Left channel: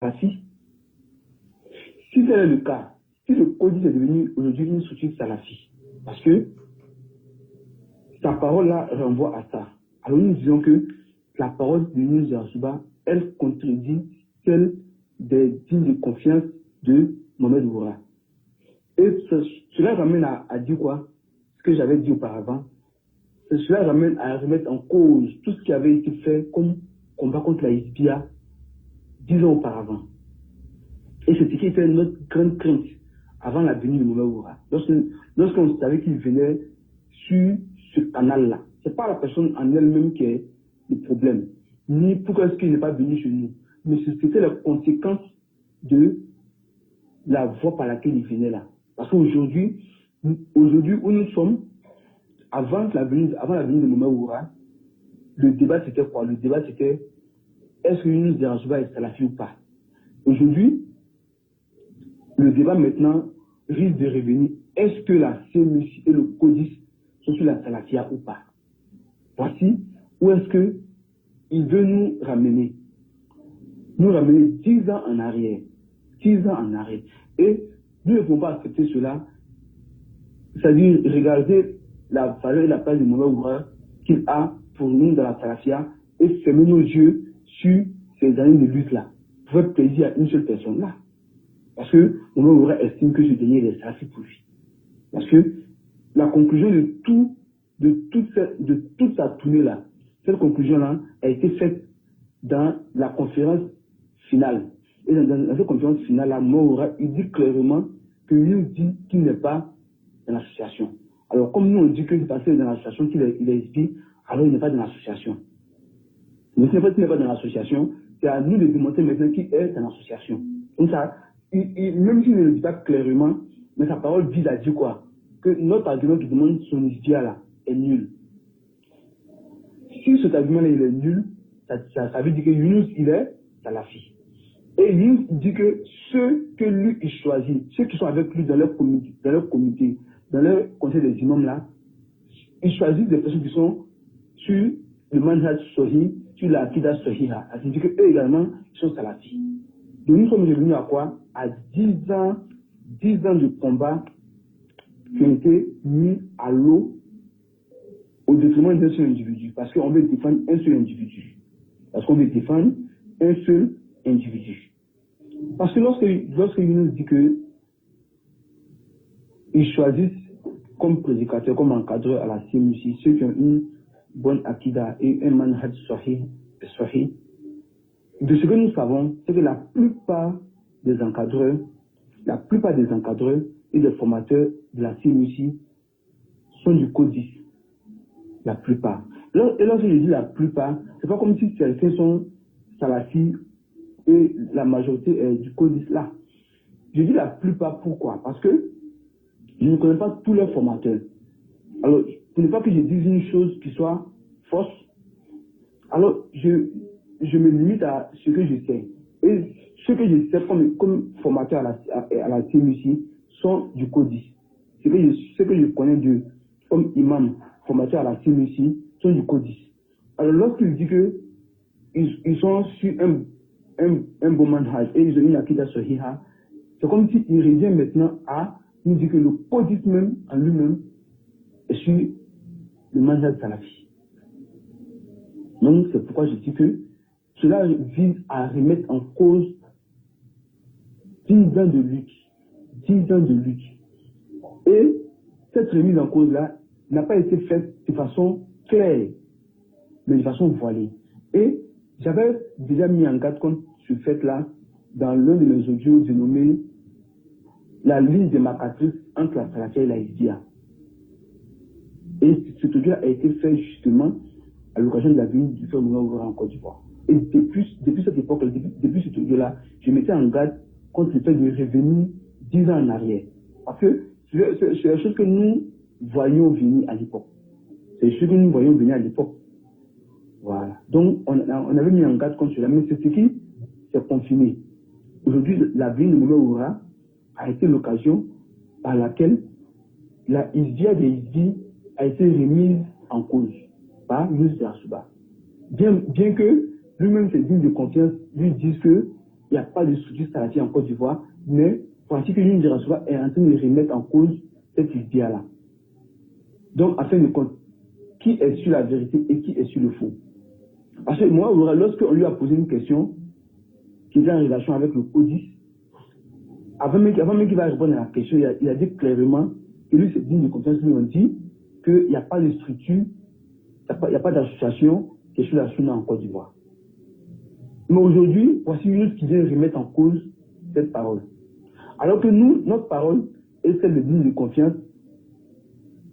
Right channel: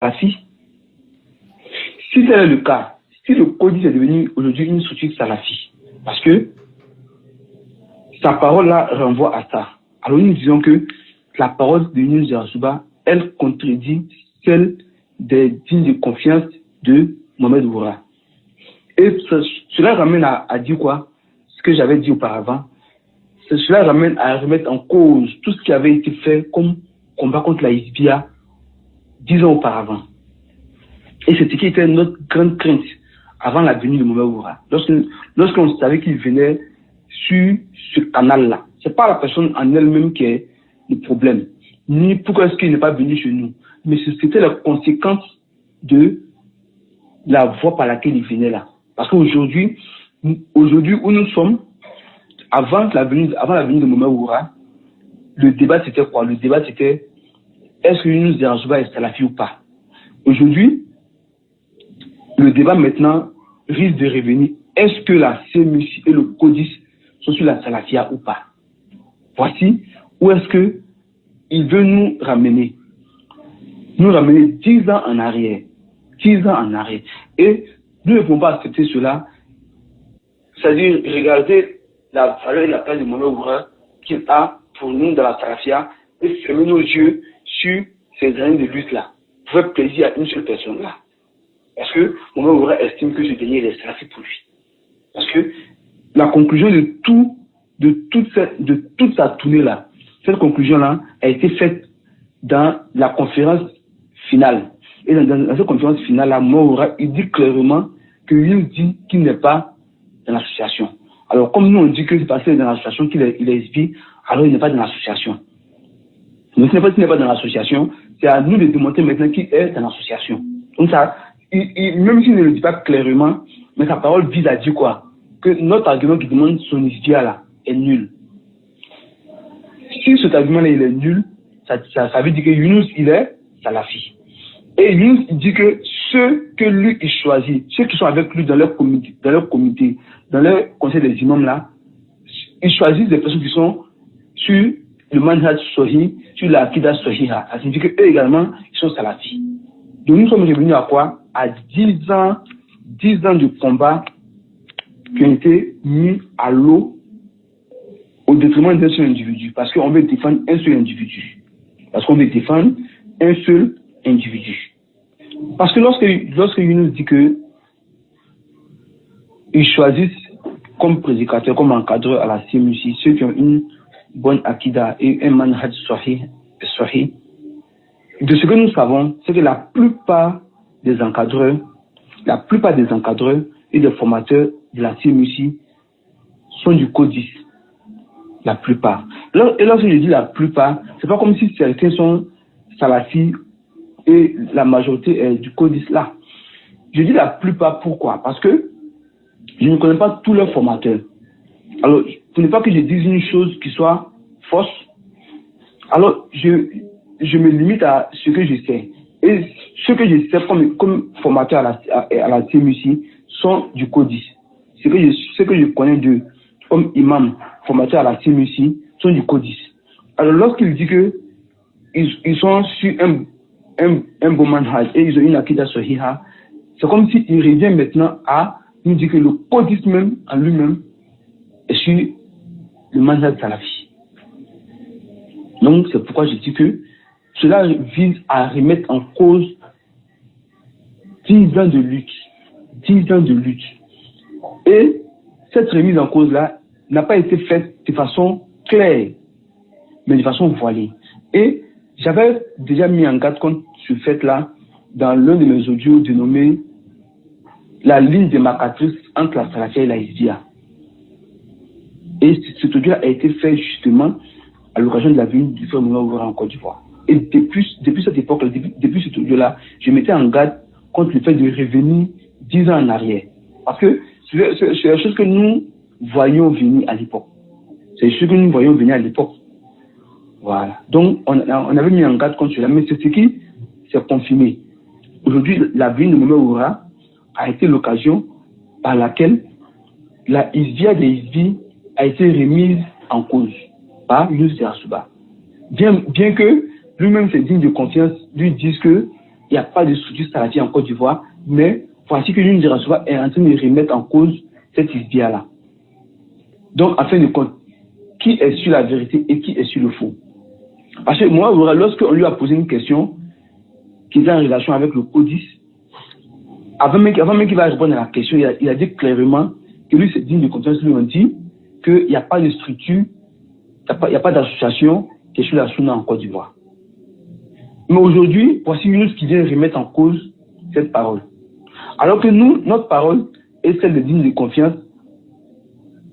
salafi. Si tel est le cas, si le Codis est devenu aujourd'hui une structure salafi, parce que sa parole là renvoie à ça. Alors nous disons que la parole de Younous Yarsuba, elle contredit celle des dignes de confiance de Mohamed Oura. Et cela ramène à dire quoi? Ce que j'avais dit auparavant. Cela ramène à remettre en cause tout ce qui avait été fait comme combat contre la Hizbia 10 ans auparavant. Et c'est ce qui était notre grande crainte avant la venue de Mohamed Oura. Lorsqu'on savait qu'il venait sur ce canal-là, ce n'est pas la personne en elle-même qui est le problème, ni pourquoi est-ce qu'il n'est pas venu chez nous, mais c'était la conséquence de la voie par laquelle il venait là. Parce qu'aujourd'hui, où nous sommes, avant la venue de Mohamed Oura, le débat c'était quoi? Le débat c'était est-ce que Younous Yarsuba est salafi ou pas? Aujourd'hui, le débat maintenant risque de revenir. Est-ce que la CMUC et le Codis sont sur la salafia ou pas? Voici où est-ce qu'il veut nous ramener. Nous ramener 10 ans en arrière. 10 ans en arrière. Et nous ne pouvons pas accepter cela. C'est-à-dire regarder la valeur et la place de Mohamed Oura qu'il a pour nous dans la salafia et fermer nos yeux sur ces années de lutte-là. Pour faire plaisir à une seule personne-là. Parce que Mohamed Oura estime que ce dernier est salafi pour lui. Parce que la conclusion de toute sa tournée-là, cette conclusion-là a été faite dans la conférence finale. Et dans cette conférence finale-là, Mohamed Oura, il dit clairement qu'il dit qu'il n'est pas dans l'association. Alors, comme nous on dit que c'est parce qu'il est dans l'association qu'il est SB, alors il n'est pas dans l'association. Mais ce n'est pas qu'il n'est pas dans l'association, c'est à nous de démontrer maintenant qu'il est dans l'association. Donc ça, même s'il ne le dit pas clairement, mais sa parole vise à dire quoi? Que notre argument qui demande son isbia là est nul. Si cet argument là il est nul, ça veut dire que Younous il est salafi. Et Younous il dit que ceux que lui il choisit, ceux qui sont avec lui dans leur comité, dans leur conseil des imams là, ils choisissent des personnes qui sont sur le manhaj sahih, sur la akida sahiha. Ça signifie qu'eux également ils sont salafis. Donc nous sommes revenus à quoi? À 10 ans de combat qui ont été mis à l'eau au détriment d'un seul individu. Parce qu'on veut défendre un seul individu. Parce que lorsque Younous dit que ils choisissent comme prédicateur, comme encadreur à la CMUC, ceux qui ont une bonne akida et un manhaj sahih, de ce que nous savons, c'est que la plupart des encadreurs et des formateurs de la CMUC sont du Codis. La plupart. Et lorsque je dis la plupart, c'est pas comme si certains sont salafis et la majorité est du Codis là. Je dis la plupart, pourquoi? Parce que je ne connais pas tous leurs formateurs. Alors, ce n'est pas que je dise une chose qui soit fausse. Alors, je me limite à ce que je sais. Et ce que je sais comme formateur à la CMUC sont du Codis. Ce que je connais d'eux comme imam, formateur à la CMUC, sont du Codis. Alors lorsqu'il dit que ils sont sur un bon manhaj et ils ont une akida sahiha, c'est comme s'il revient maintenant à nous dire que le Codis même en lui-même est sur le manhaj salafi. Donc c'est pourquoi je dis que cela vise à remettre en cause 10 ans de lutte. 10 ans de lutte. Et cette remise en cause-là n'a pas été faite de façon claire, mais de façon voilée. Et j'avais déjà mis en garde contre ce fait-là dans l'un de mes audios dénommé la ligne démarcatrice entre la salafia et la hizbia. Et cet audio a été fait justement à l'occasion de la venue du frère Mohamed Oura en Côte d'Ivoire. Et depuis cette époque-là, depuis cet audio-là, je mettais en garde contre le fait de revenir 10 ans en arrière. Parce que c'est la chose que nous voyions venir à l'époque. C'est ce que nous voyions venir à l'époque. Voilà. Donc, on avait mis en garde contre cela, mais c'est ce qui s'est confirmé. Aujourd'hui, la venue de Mohamed Oura a été l'occasion par laquelle la hizbia des hizbis a été remise en cause par Younous Yarsuba. Bien que lui-même, ses dignes de confiance, lui disent que il n'y a pas de structure salafie en Côte d'Ivoire, mais voici que Younous Djarasoua est en train de remettre en cause cette idée-là. Donc, afin de compte, qui est sur la vérité et qui est sur le faux. Parce que moi, lorsqu'on lui a posé une question qui est en relation avec le CODIS, avant même qu'il va répondre à la question, il a dit clairement que lui, c'est digne de confiance, lui, on dit qu'il n'y a pas de structure, il n'y a pas d'association qui est sur la Sunna en Côte d'Ivoire. Mais aujourd'hui, voici Younous qui vient remettre en cause cette parole. Alors que nous, notre parole est celle de digne de confiance,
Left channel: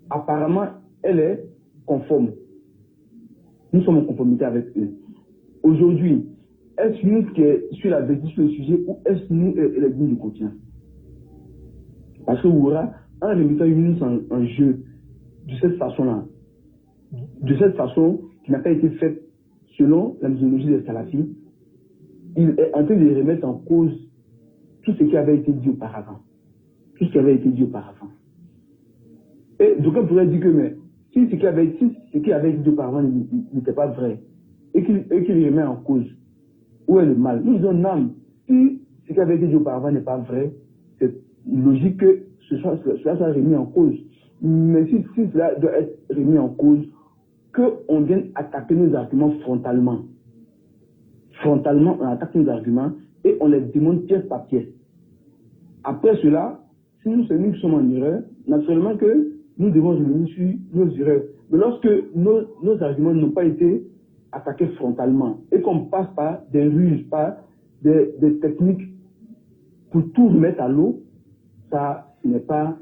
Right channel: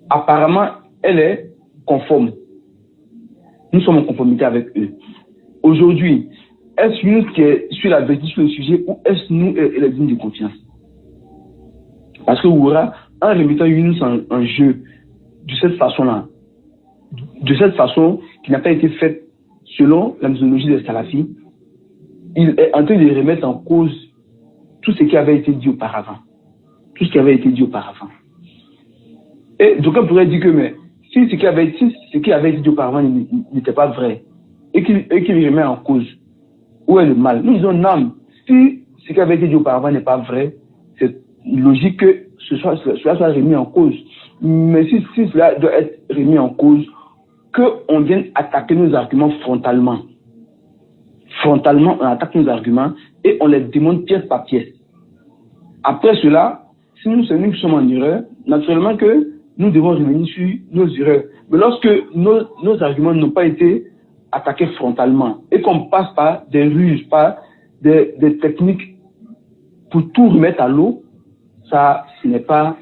apparemment, elle est conforme. Nous sommes en conformité avec eux. Aujourd'hui, est-ce Younous qui est sur la vérité sur le sujet ou est-ce nous et les dignes de confiance? Parce que Oura, en remettant Younous en jeu de cette façon-là, de cette façon qui n'a pas été faite selon la méthodologie des salafis, il est en train de remettre en cause tout ce qui avait été dit auparavant. Tout ce qui avait été dit auparavant. Et donc on pourrait dire que mais, si ce qui avait été dit auparavant n'était pas vrai et qu'il remet en cause, où est le mal? Nous disons non, si ce qui avait été dit auparavant n'est pas vrai, c'est logique que cela soit remis en cause. Mais si cela doit être remis en cause, qu'on vienne attaquer nos arguments frontalement. Frontalement, on attaque nos arguments et on les démonte pièce par pièce. Après cela, si nous sommes en erreur, naturellement que nous devons revenir sur nos erreurs. Mais lorsque nos arguments n'ont pas été attaqués frontalement et qu'on passe par des ruses, par des techniques pour tout remettre à l'eau, ça, ce n'est pas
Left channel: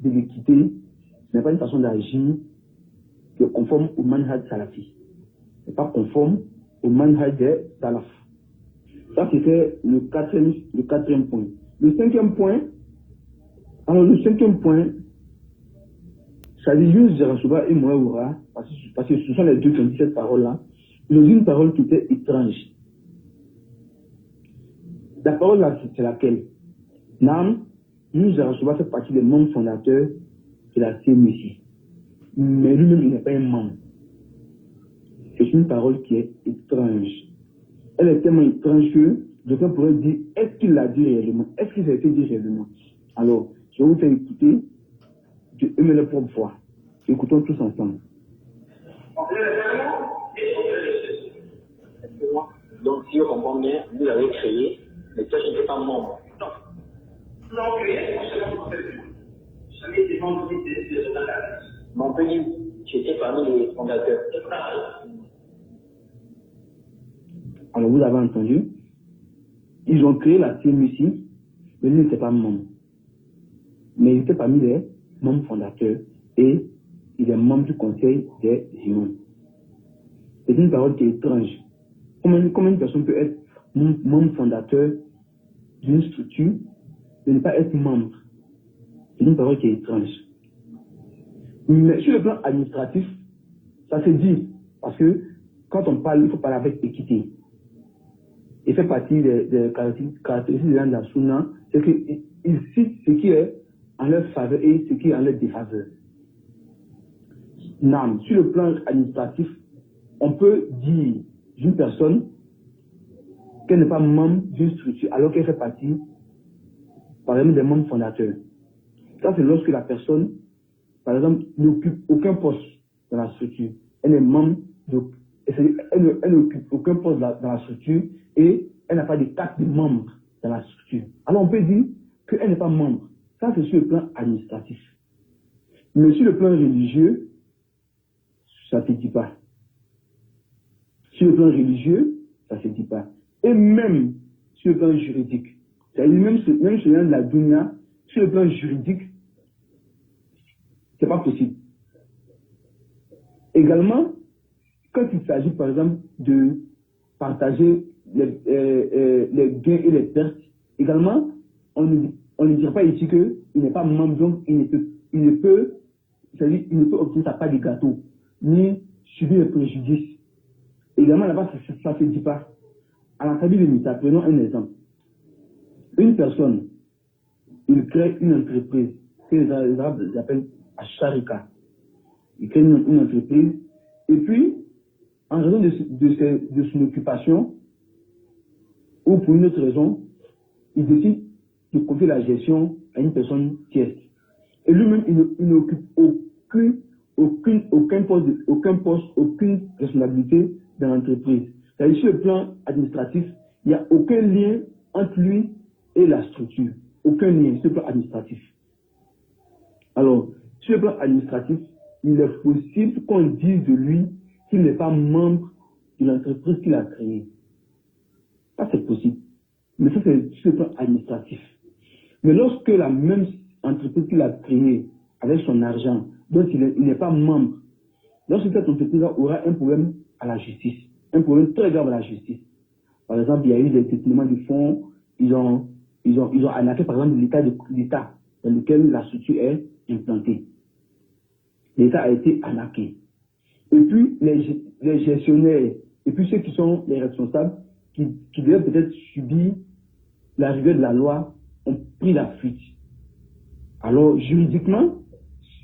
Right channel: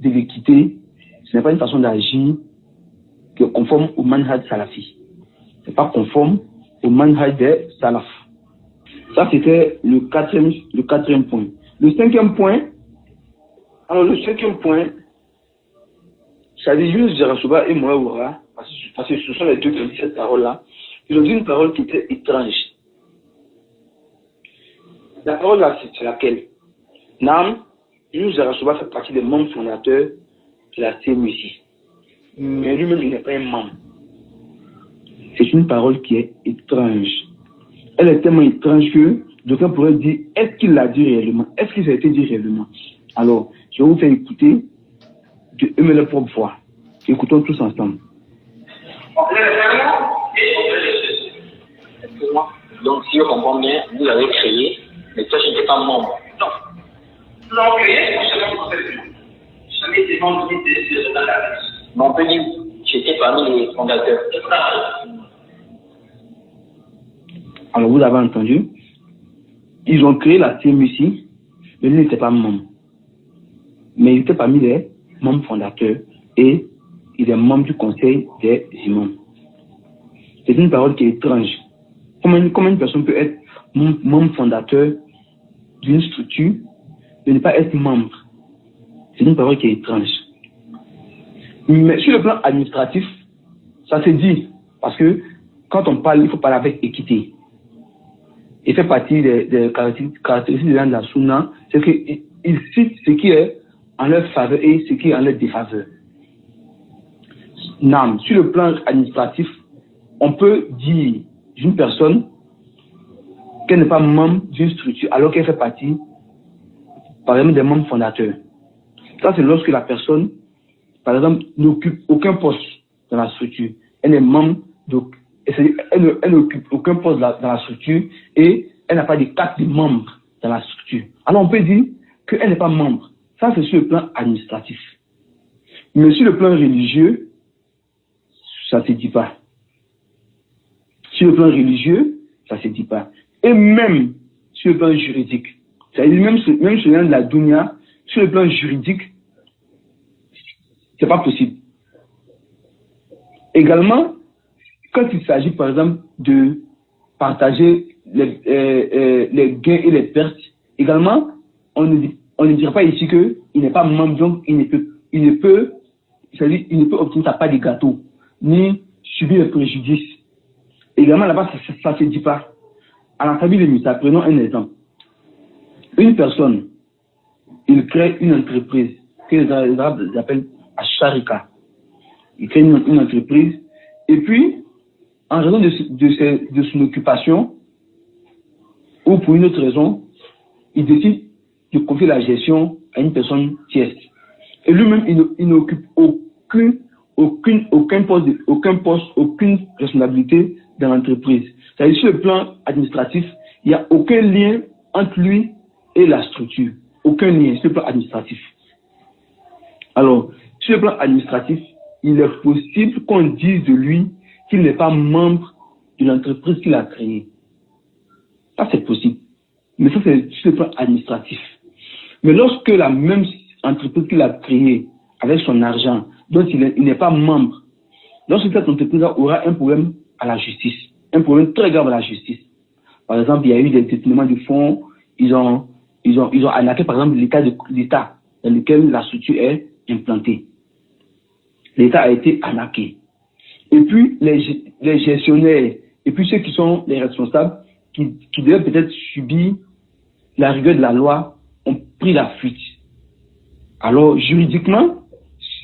de l'équité, ce n'est pas une façon d'agir qui est conforme au manhaj salafi. Ce n'est pas conforme au manhaj des salaf. Ça, c'était le quatrième point. Le cinquième point, ça dit Younous Djarasoua et Mohaoura, parce que ce sont les deux qui ont dit cette parole-là, ils ont dit une parole qui était étrange. La parole-là, c'est laquelle? Nam, Younous Djarasoua fait partie des membres fondateurs de la CMUC. Mais lui-même, il n'est pas un membre. C'est une parole qui est étrange. Elle est tellement étrange que d'aucuns pourraient dire, est-ce qu'il l'a dit réellement? Est-ce que ça a été dit réellement? Alors, je vais vous faire écouter de eux leur propre voix. Écoutons tous ensemble. Donc, si je comprends bien, vous l'avez créé, mais toi, je n'étais pas membre. Non. Nous l'avons créé, on se l'a fait. Jamais été membre de la. Mais on peut dire, j'étais parmi les fondateurs. Alors, vous avez entendu, ils ont créé la CMUC, mais ils n'étaient pas membres. Mais ils étaient parmi les membres fondateurs et il est membre du conseil des imams. C'est une parole qui est étrange. Comment une personne peut être membre fondateur d'une structure et ne pas être membre? C'est une parole qui est étrange. Mais sur le plan administratif, ça se dit. Parce que quand on parle, il faut parler avec équité. Il fait partie des caractéristiques de la Sunna, c'est qu'il cite ce qui est en leur faveur et ce qui est en leur défaveur. Non, sur le plan administratif, on peut dire d'une personne qu'elle n'est pas membre d'une structure alors qu'elle fait partie, par exemple, des membres fondateurs. Ça, c'est lorsque la personne, par exemple, n'occupe aucun poste dans la structure. Elle est membre, donc, elle n'occupe aucun poste dans la structure et elle n'a pas de carte de membre dans la structure. Alors, on peut dire qu'elle n'est pas membre. Ça, c'est sur le plan administratif. Mais sur le plan religieux, ça ne se dit pas. Sur le plan religieux, ça ne se dit pas. Et même sur le plan juridique, c'est-à-dire même sur de la dunya, sur le plan juridique, ce n'est pas possible. Également, quand il s'agit par exemple de partager les gains et les pertes, également, on ne dirait pas ici qu'il n'est pas membre, donc il ne peut obtenir sa part de gâteau, ni subir le préjudice. Également, là-bas, ça ne se dit pas. À la famille de Misa, prenons un exemple. Une personne, il crée une entreprise que les Arabes appellent Asharika. Il crée une entreprise et puis, en raison de son occupation, ou pour une autre raison, il décide de confier la gestion à une personne tierce. Et lui-même, il n'occupe aucun poste, aucune responsabilité dans l'entreprise. C'est-à-dire, sur le plan administratif, il n'y a aucun lien entre lui et la structure. Aucun lien sur le plan administratif. Alors, sur le plan administratif, il est possible qu'on dise de lui qu'il n'est pas membre de l'entreprise qu'il a créée. Ça, c'est possible. Mais ça, c'est sur le plan administratif. Mais lorsque la même entreprise qu'il a créée avec son argent, dont il n'est pas membre, lorsque cette entreprise aura un problème à la justice, un problème très grave à la justice. Par exemple, il y a eu des détournements de fonds, ils ont arnaqué par exemple l'État dans lequel la structure est implantée. L'État a été arnaqué. Et puis, les gestionnaires, et puis ceux qui sont les responsables, qui devaient peut-être subir la rigueur de la loi, ont pris la fuite. Alors, juridiquement,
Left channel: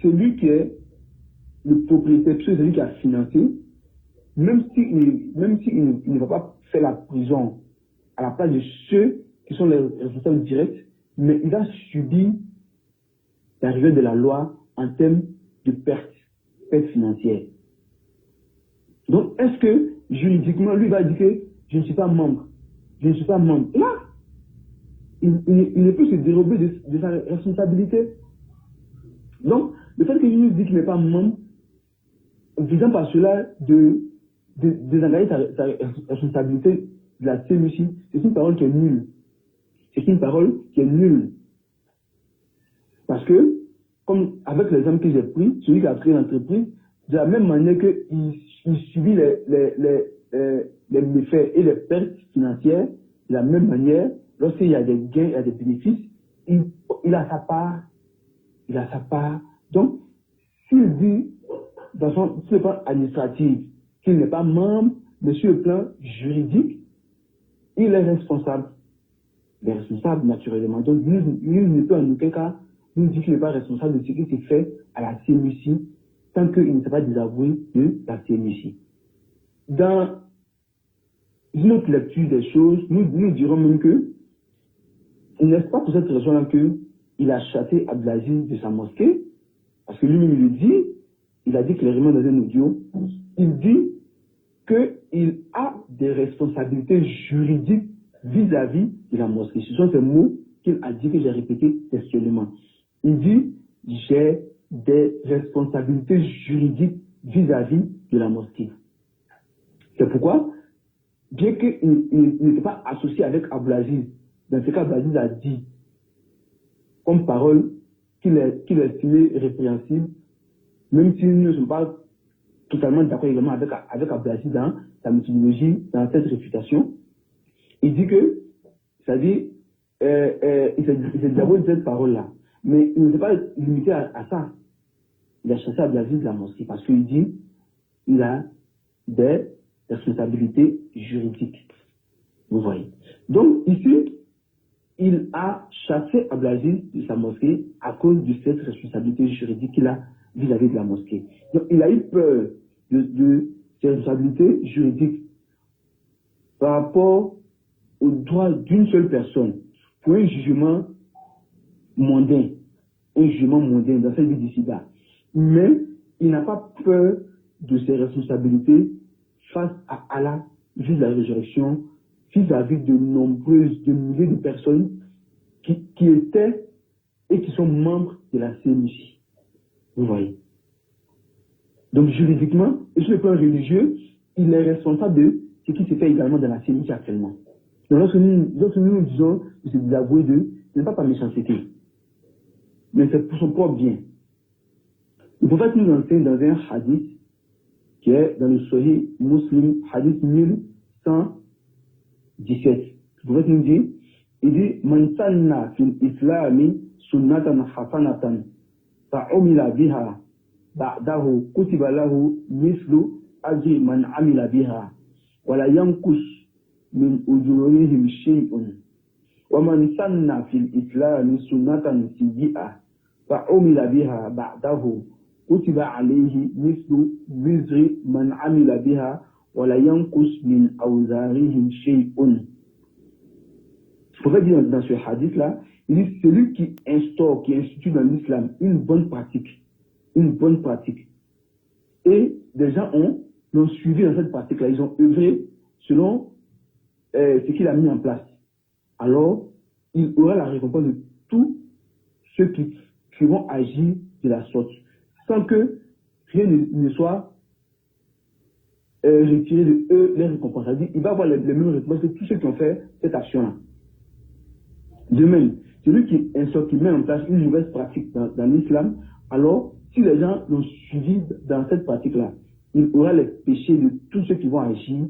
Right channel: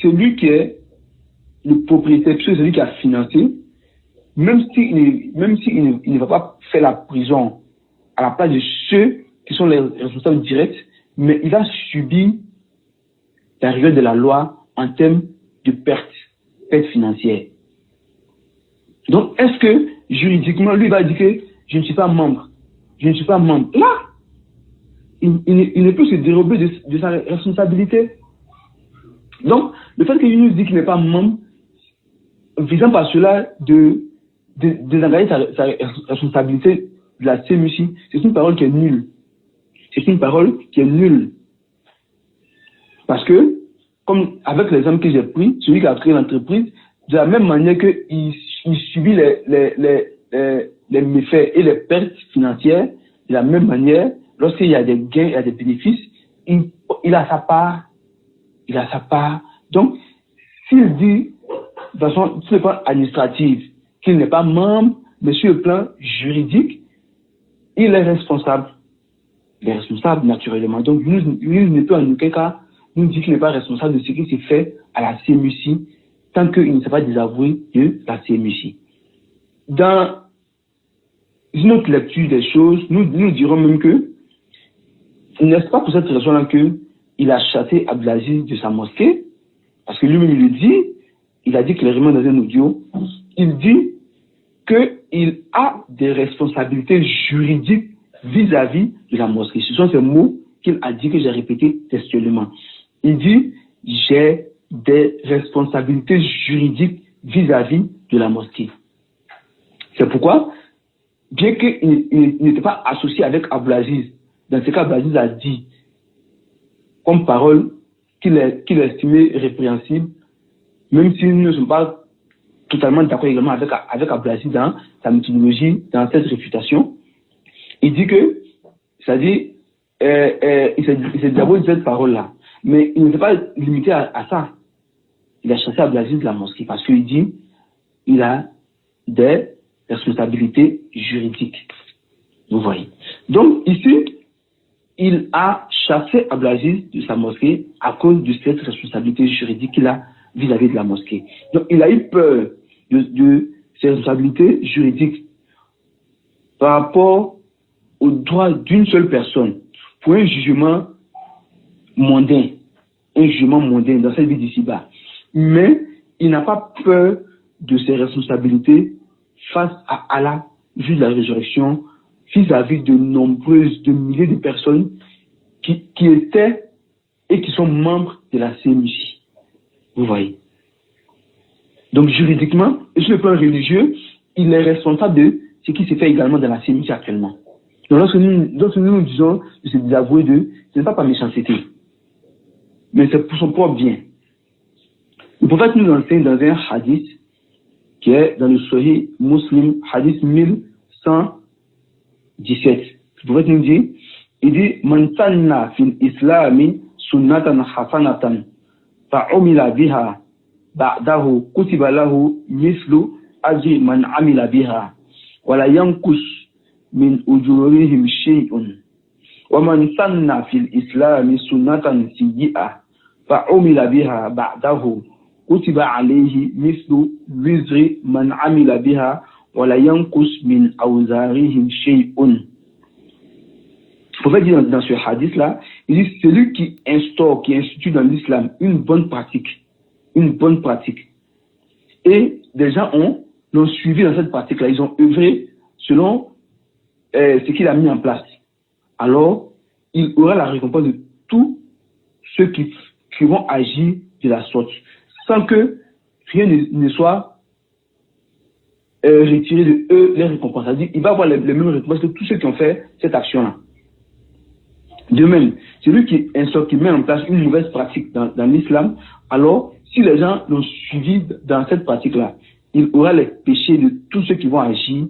celui qui est le propriétaire, celui qui a financé, même s'il ne va pas faire la prison à la place de ceux qui sont les responsables directs, mais il a subi la rigueur de la loi en termes de perte financière. Donc, est-ce que juridiquement, lui va dire que je ne suis pas membre? Je ne suis pas membre. Là, il ne peut se dérober de sa responsabilité. Donc, le fait qu'il nous dit qu'il n'est pas membre, visant par cela de désengager sa responsabilité de la CMUC, c'est une parole qui est nulle. C'est une parole qui est nulle. Parce que, comme avec l'exemple que j'ai pris, celui qui a créé l'entreprise, de la même manière qu'il subit les méfaits et les pertes financières, de la même manière, lorsqu'il y a des gains, il y a des bénéfices, il a sa part. Il a sa part. Donc, s'il dit, de façon, sur le plan administratif, qu'il n'est pas membre, mais sur le plan juridique, il est responsable. Il est responsable, naturellement. Donc, nous ne peut en aucun cas nous dire qu'il n'est pas responsable de ce qui s'est fait à la CMUC, tant qu'il ne s'est pas désavoué de la CMUC. Dans une autre lecture des choses, nous dirons même que, n'est-ce pas pour cette raison-là qu'il a chassé Abdelaziz de sa mosquée, parce que lui-même il le dit, il a dit clairement dans un audio, il dit qu'il a des responsabilités juridiques vis-à-vis de la mosquée. Ce sont ces mots qu'il a dit, que j'ai répété textuellement. Il dit, j'ai des responsabilités juridiques vis-à-vis de la mosquée. C'est pourquoi, bien qu'il n'était pas associé avec Abdelaziz, dans ce cas, Abdelaziz a dit, comme parole, qu'il estimait répréhensible, même si nous ne sommes pas totalement d'accord également avec Abdelaziz dans sa méthodologie, dans cette réfutation. Il dit que, c'est-à-dire, il s'est d'abord dit cette parole-là, mais il ne s'est pas limité à ça. Il a chassé Abdelaziz de la mosquée parce qu'il dit il a des responsabilités juridiques. Vous voyez. Donc, ici, il a chassé Abdelaziz de sa mosquée à cause de cette responsabilité juridique qu'il a vis-à-vis de la mosquée. Donc, il a eu peur de ses responsabilités juridiques par rapport aux droits d'une seule personne pour un jugement mondain dans cette vie d'ici-bas. Mais il n'a pas peur de ses responsabilités face à Allah, vu la résurrection, vis-à-vis de milliers de personnes qui étaient et qui sont membres de la CMUC. Vous voyez. Donc juridiquement et sur le plan religieux, il est responsable de ce qui se fait également dans la CMUC actuellement. Donc lorsque nous disons de se désavouer d'eux, ce n'est pas par méchanceté, mais c'est pour son propre bien. Le prophète nous enseigne dans un hadith qui est dans le Sahih Muslim, hadith 1117. Le prophète nous dit, il dit, Man sanna fil islami sunnatan hasanatan fa'umila biha ba'dahu kutiba lahu mislu ajri man amila biha wa la yankus min ujurihim shay'un wa man sanna fil islami sunnatan sayyi'ah fa'umila biha ba'dahu kutiba alayhi mislu wizri man amila biha wa la yankus min awzarihim shay'un. prophète dit dans ce hadith-là, il dit celui qui instaure, qui institue dans l'islam une bonne pratique, et des gens l'ont suivi dans cette pratique-là, ils ont œuvré selon ce qu'il a mis en place. Alors, il aura la récompense de tous ceux qui vont agir de la sorte, sans que rien ne soit retiré de eux les récompenses. C'est-à-dire, il va avoir les mêmes récompenses que tous ceux qui ont fait cette action-là. De même, celui qui met en place une mauvaise pratique dans l'islam, alors, si les gens l'ont suivi dans cette pratique-là, il aura les péchés de tous ceux qui vont agir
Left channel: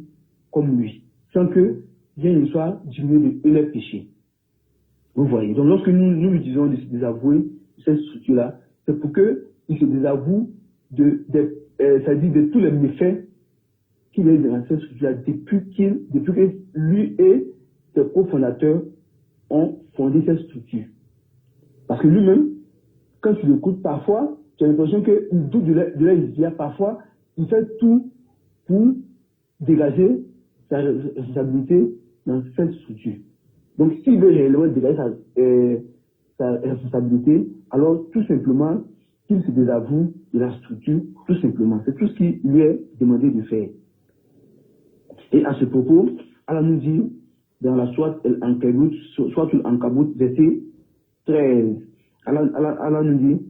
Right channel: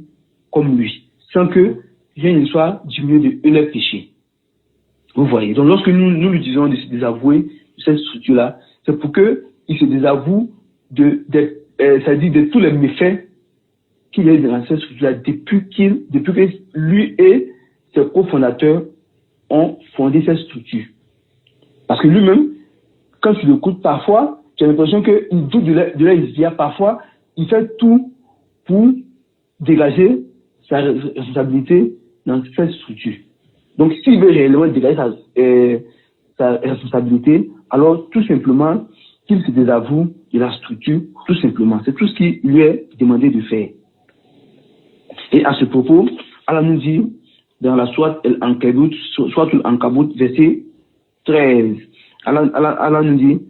comme lui, sans que rien ne soit diminué de eux les péchés. Vous voyez. Donc, lorsque nous lui disons de se désavouer de cette structure-là, c'est pour qu'il se désavoue c'est-à-dire de tous les méfaits qu'il est dans cette structure-là depuis que lui et ses cofondateurs ont fondé cette structure. Parce que lui-même, quand tu l'écoutes parfois, tu as l'impression qu'il doute de leur vie. Parfois, il fait tout pour dégager sa responsabilité dans cette structure. Donc, s'il veut réellement dégager sa responsabilité, alors tout simplement qu'il se désavoue de la structure, tout simplement. C'est tout ce qui lui est demandé de faire. Et à ce propos, Allah nous dit dans la sourate Al-Ankabut, verset 13, Allah nous dit,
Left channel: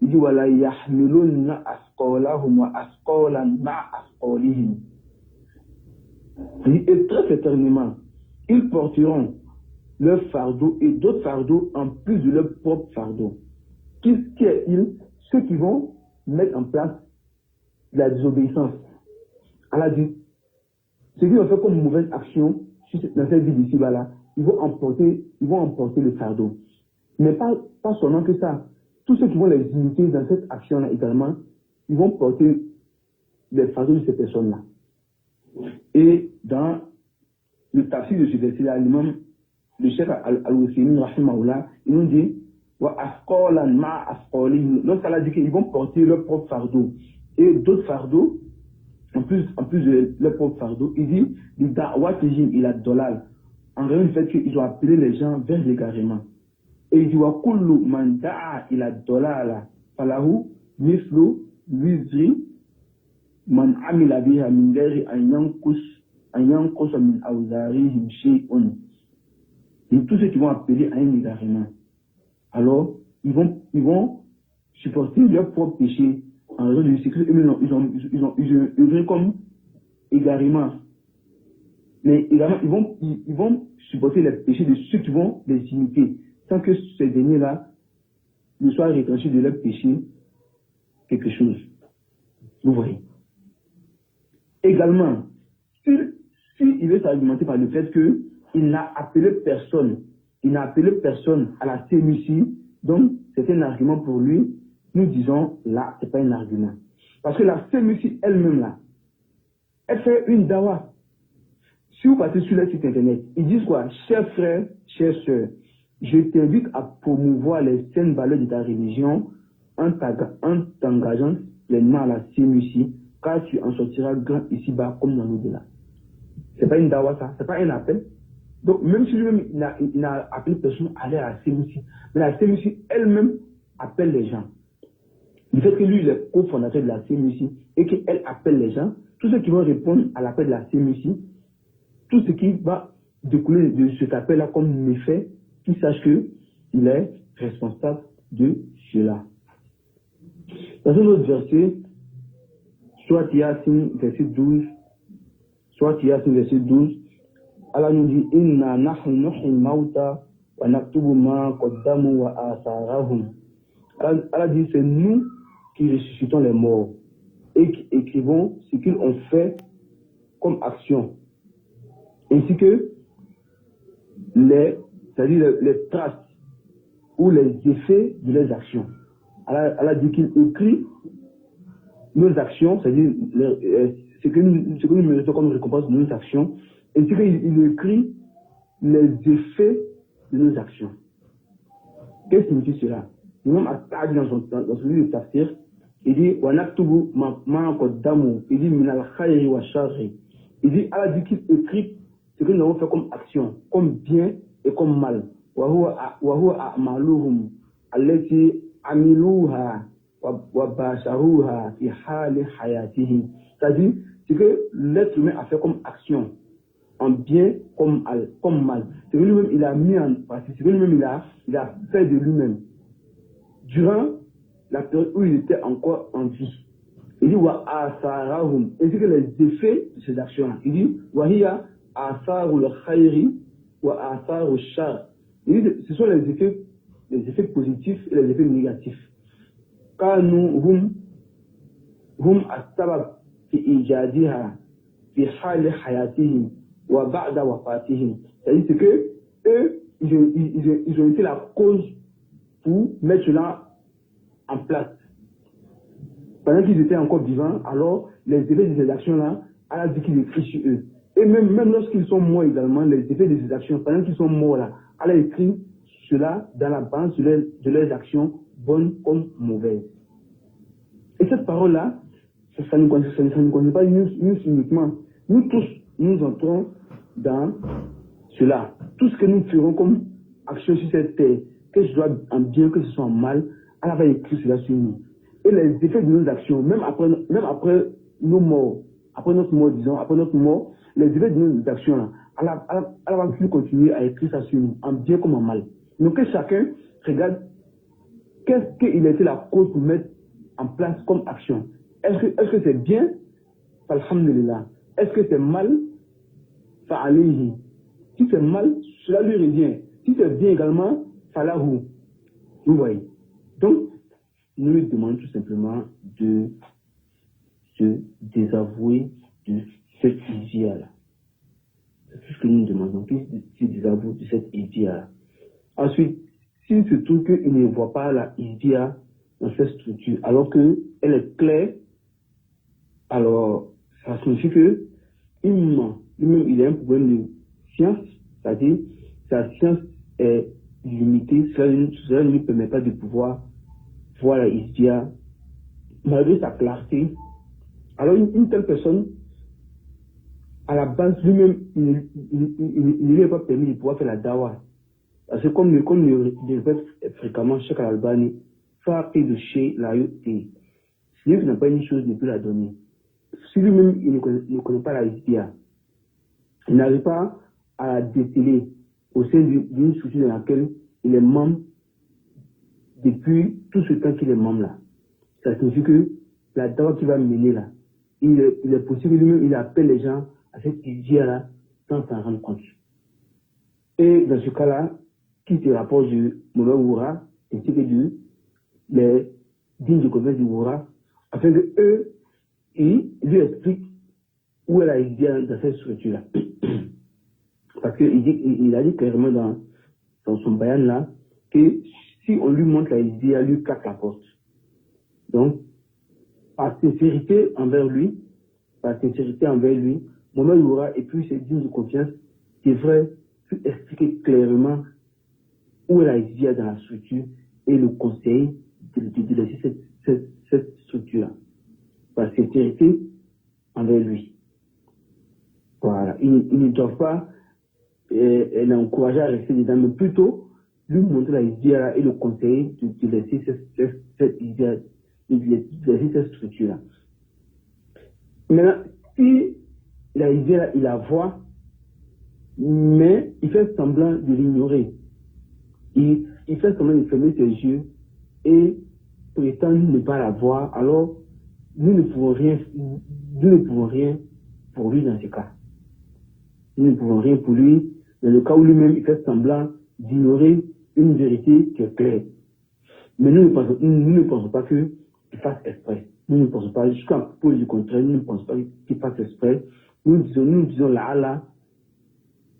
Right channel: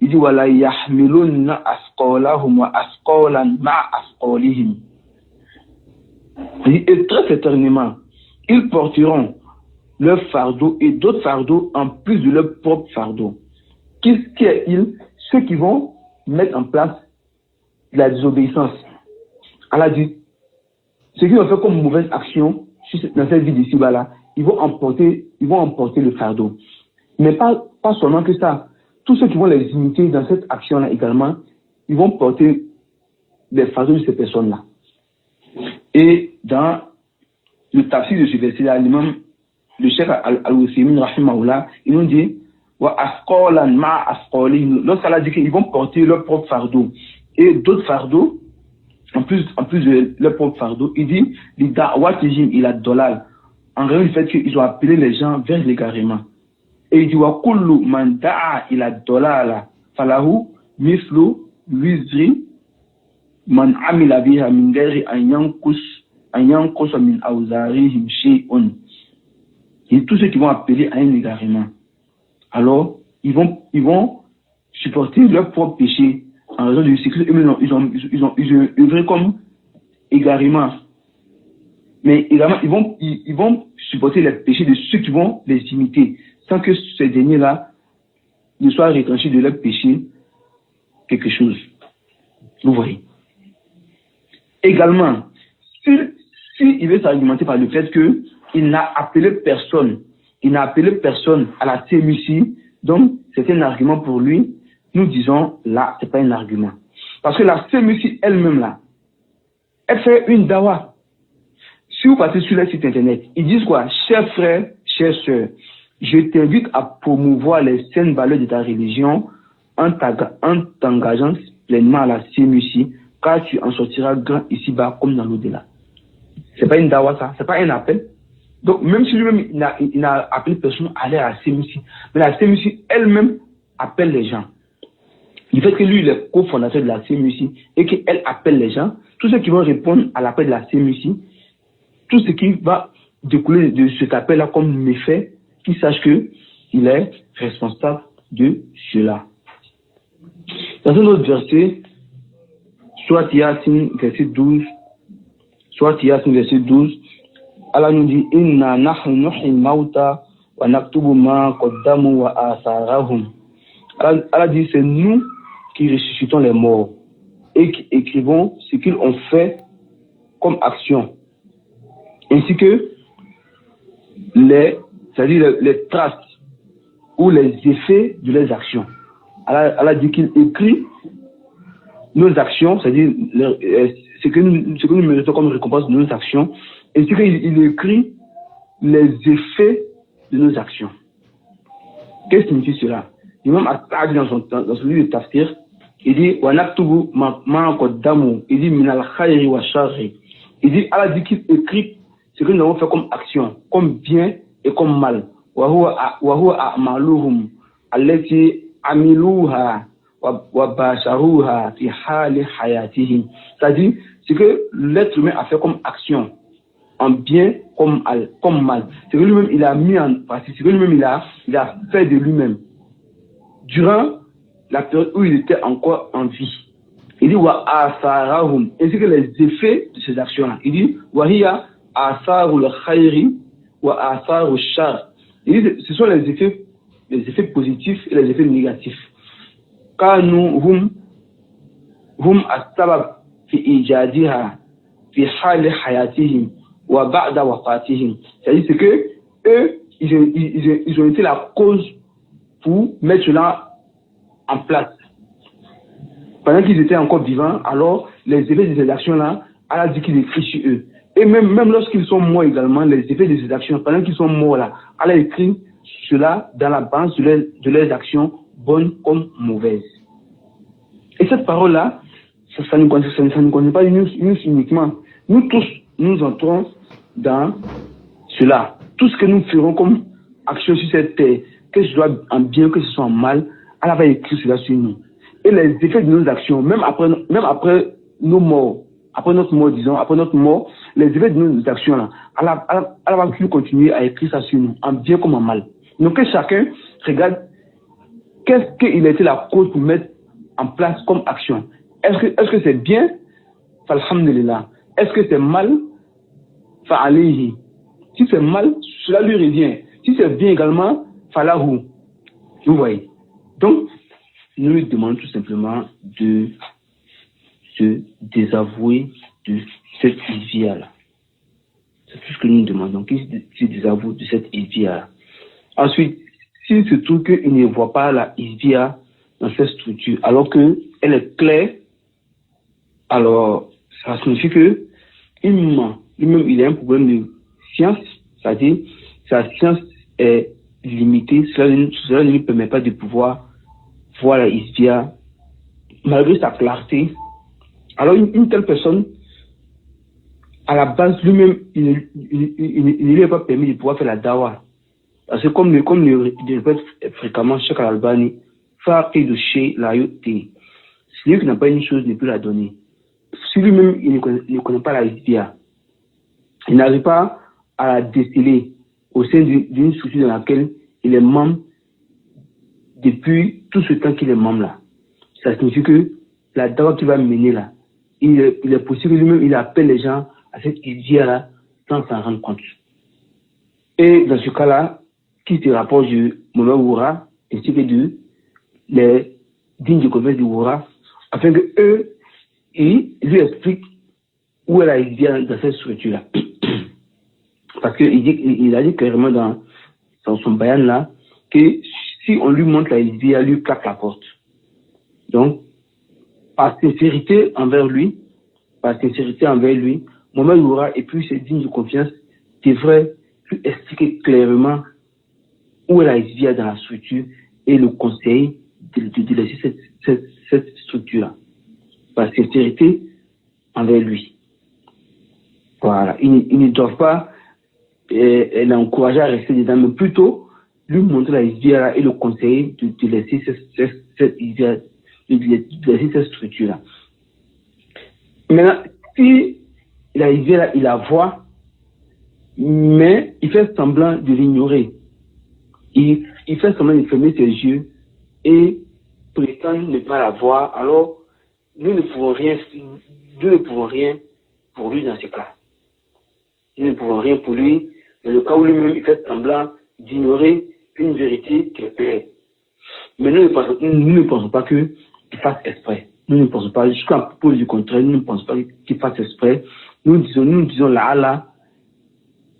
il dit wala yahmilunna asqalahum wa asqalan ma'a asqalihim. Et très certainement, ils porteront leur fardeau et d'autres fardeaux en plus de leur propre fardeau. Qui est-il? Ceux qui vont mettre en place la désobéissance. Allah dit, ceux qui ont fait comme mauvaise action dans cette vie d'ici-bas là, ils vont emporter le fardeau. Mais pas seulement que ça. Tous ceux qui vont les imiter dans cette action-là également, ils vont porter les fardeaux de ces personnes-là. Et dans le tafsir de ce verset-là, le cheikh Al-Uthaymin, rahimahullah, ils nous dit lorsqu'Allah dit qu'ils vont porter leur propre fardeau et d'autres fardeaux, en plus de leur propre fardeau, il dit il a dolal. En réalité, le fait qu'ils ont appelé les gens vers l'égarement. Et il dit wa kullu man da'a ila dolala falahu mislu wizri man amila biha min ghairi an yanqus min awzarihim shay'un. Et tous ceux qui vont appeler à un égarement, alors ils vont supporter leur propre péché en raison de ce qu'ils ont œuvré comme égarement. Mais également, ils vont supporter les péchés de ceux qui vont les imiter, sans que ces derniers-là ne soient retranchés de leur péché quelque chose. Vous voyez. Également, s'il veut s'argumenter par le fait qu'il n'a appelé personne à la CMUC, donc c'est un argument pour lui, nous disons là, c'est pas un argument. Parce que la CMUC elle-même là, elle fait une dawa. Si vous passez sur le site internet, ils disent quoi? Chers frères, chères sœurs, je t'invite à promouvoir les saines valeurs de ta religion en t'engageant pleinement à la CMUC, car tu en sortiras grand ici-bas comme dans l'au-delà. C'est pas une dawa ça, c'est pas un appel. Donc même si lui-même il n'a appelé personne à aller à la CMUC, mais la CMUC elle-même appelle les gens. Du fait que lui il est cofondateur de la CMUC et qu'elle appelle les gens, tous ceux qui vont répondre à l'appel de la CMUC, tout ce qui va découler de cet appel-là comme méfait, qu'il sache qu'il est responsable de cela. Dans un autre verset, soit Yasin, verset 12, Allah nous dit Inna nahnu nuhyil mauta wa naktubu ma qaddamu wa atharahum. Allah dit c'est nous qui ressuscitons les morts et qui écrivons ce qu'ils ont fait comme action, ainsi que c'est-à-dire les traces ou les effets de leurs actions. Allah dit qu'il écrit nos actions, c'est-à-dire ce que nous méritons comme récompense de nos actions, ainsi qu'il écrit les effets de nos actions. Qu'est-ce que signifie cela? L'imam As-Sa'di dans son livre de Tafsir, il dit wa naktubu ma qaddamu, il dit min al-khayri wa sharri. Il dit Allah dit qu'il écrit ce que nous avons fait comme action, comme bien et comme mal. وهو أعمالهم التي عملوها وباشروها في حال حياتهم. C'est-à-dire, ce que l'être humain a fait comme action, en bien comme mal. C'est que lui-même il a mis en pratique, c'est que lui-même il a fait de lui-même durant la période où il était encore en vie. Il dit wa asarahum, ainsi que les effets de ces actions-là. Il dit wa hiya asarul khayri wa asarul shar. Il dit ce sont les effets positifs et les effets négatifs. Kanu hum as-sabab fi ijadiha fi hal hayatihim wa ba'da wafatihim. C'est-à-dire c'est que eux ils ont été la cause pour mettre cela en place. Pendant qu'ils étaient encore vivants, alors les effets de ces actions-là, Allah dit qu'il écrit sur eux. Et même lorsqu'ils sont morts également, les effets de ces actions, pendant qu'ils sont morts là, Allah écrit cela dans la balance de leurs actions, bonnes comme mauvaises. Et cette parole-là, ça ne concerne pas nous uniquement. Nous tous, nous entrons dans cela. Tout ce que nous ferons comme action sur cette terre, que ce soit en bien, que ce soit en mal, Allah va écrire cela sur nous. Et les effets de nos actions, même après nos morts, après notre mort, les effets de nos actions là, Allah va plus continuer à écrire ça sur nous, en bien comme en mal. Donc que chacun regarde qu'est-ce qu'il a été la cause pour mettre en place comme action. Est-ce que c'est bien? Alhamdulillah. Est-ce que c'est mal? Fa'alayhi. Si c'est mal, cela lui revient. Si c'est bien également, falahu. Vous voyez. Donc, nous lui demandons tout simplement de se désavouer de cette isvia-là. C'est tout ce que nous demandons, qu'il se désavoue de cette isvia-là. Ensuite, s'il se trouve qu'il ne voit pas la isvia dans cette structure, alors qu'elle est claire, alors ça signifie que lui-même, il a un problème de science, c'est-à-dire sa science est limitée, cela ne lui permet pas de pouvoir voir la isvia malgré sa clarté. Alors une telle personne, à la base, lui-même, il ne lui est pas permis de pouvoir faire la dawa. Parce que comme le répète fréquemment Cheikh Al-Albani, Faqih de chez la yoté, celui qui n'a pas une chose ne peut la donner. Si lui-même il ne connaît pas la isvia, il n'arrive pas à la déceler au sein d'une structure dans laquelle il est membre depuis tout ce temps qu'il est membre là. Ça signifie que la dawa qu'il va mener là, il est possible que lui-même il appelle les gens à cette isvia là sans s'en rendre compte. Et dans ce cas-là, qui se rapproche de Moulay Oura ainsi que de les dignes de commerce du Oura, afin que eux, ils lui expliquent où est la isvia dans cette structure-là. Parce qu'il a dit clairement dans son bayan là que si on lui montre la isvia, lui claque la porte. Donc, par sincérité envers lui, Moulay Oura et puis ses dignes de confiance devraient lui expliquer clairement où est la isvia dans la structure et le conseil de laisser cette structure-là. Par sincérité envers lui. Voilà. Ils ne doivent pas l'encourager à rester dedans, mais plutôt lui montrer la isvia et le conseiller de laisser cette isvia, de laisser cette structure-là. Maintenant, si la isvia, il la voit, mais il fait semblant de l'ignorer. Il fait semblant de fermer ses yeux et prétend ne pas la voir, alors nous ne pouvons rien pour lui dans ce cas. Nous ne pouvons rien pour lui dans le cas où lui-même il fait semblant d'ignorer une vérité qui est claire. Mais nous ne pensons pas qu'il fasse exprès. Nous ne pensons pas, jusqu'à propos du contraire, nous ne pensons pas qu'il fasse exprès. Nous disons là,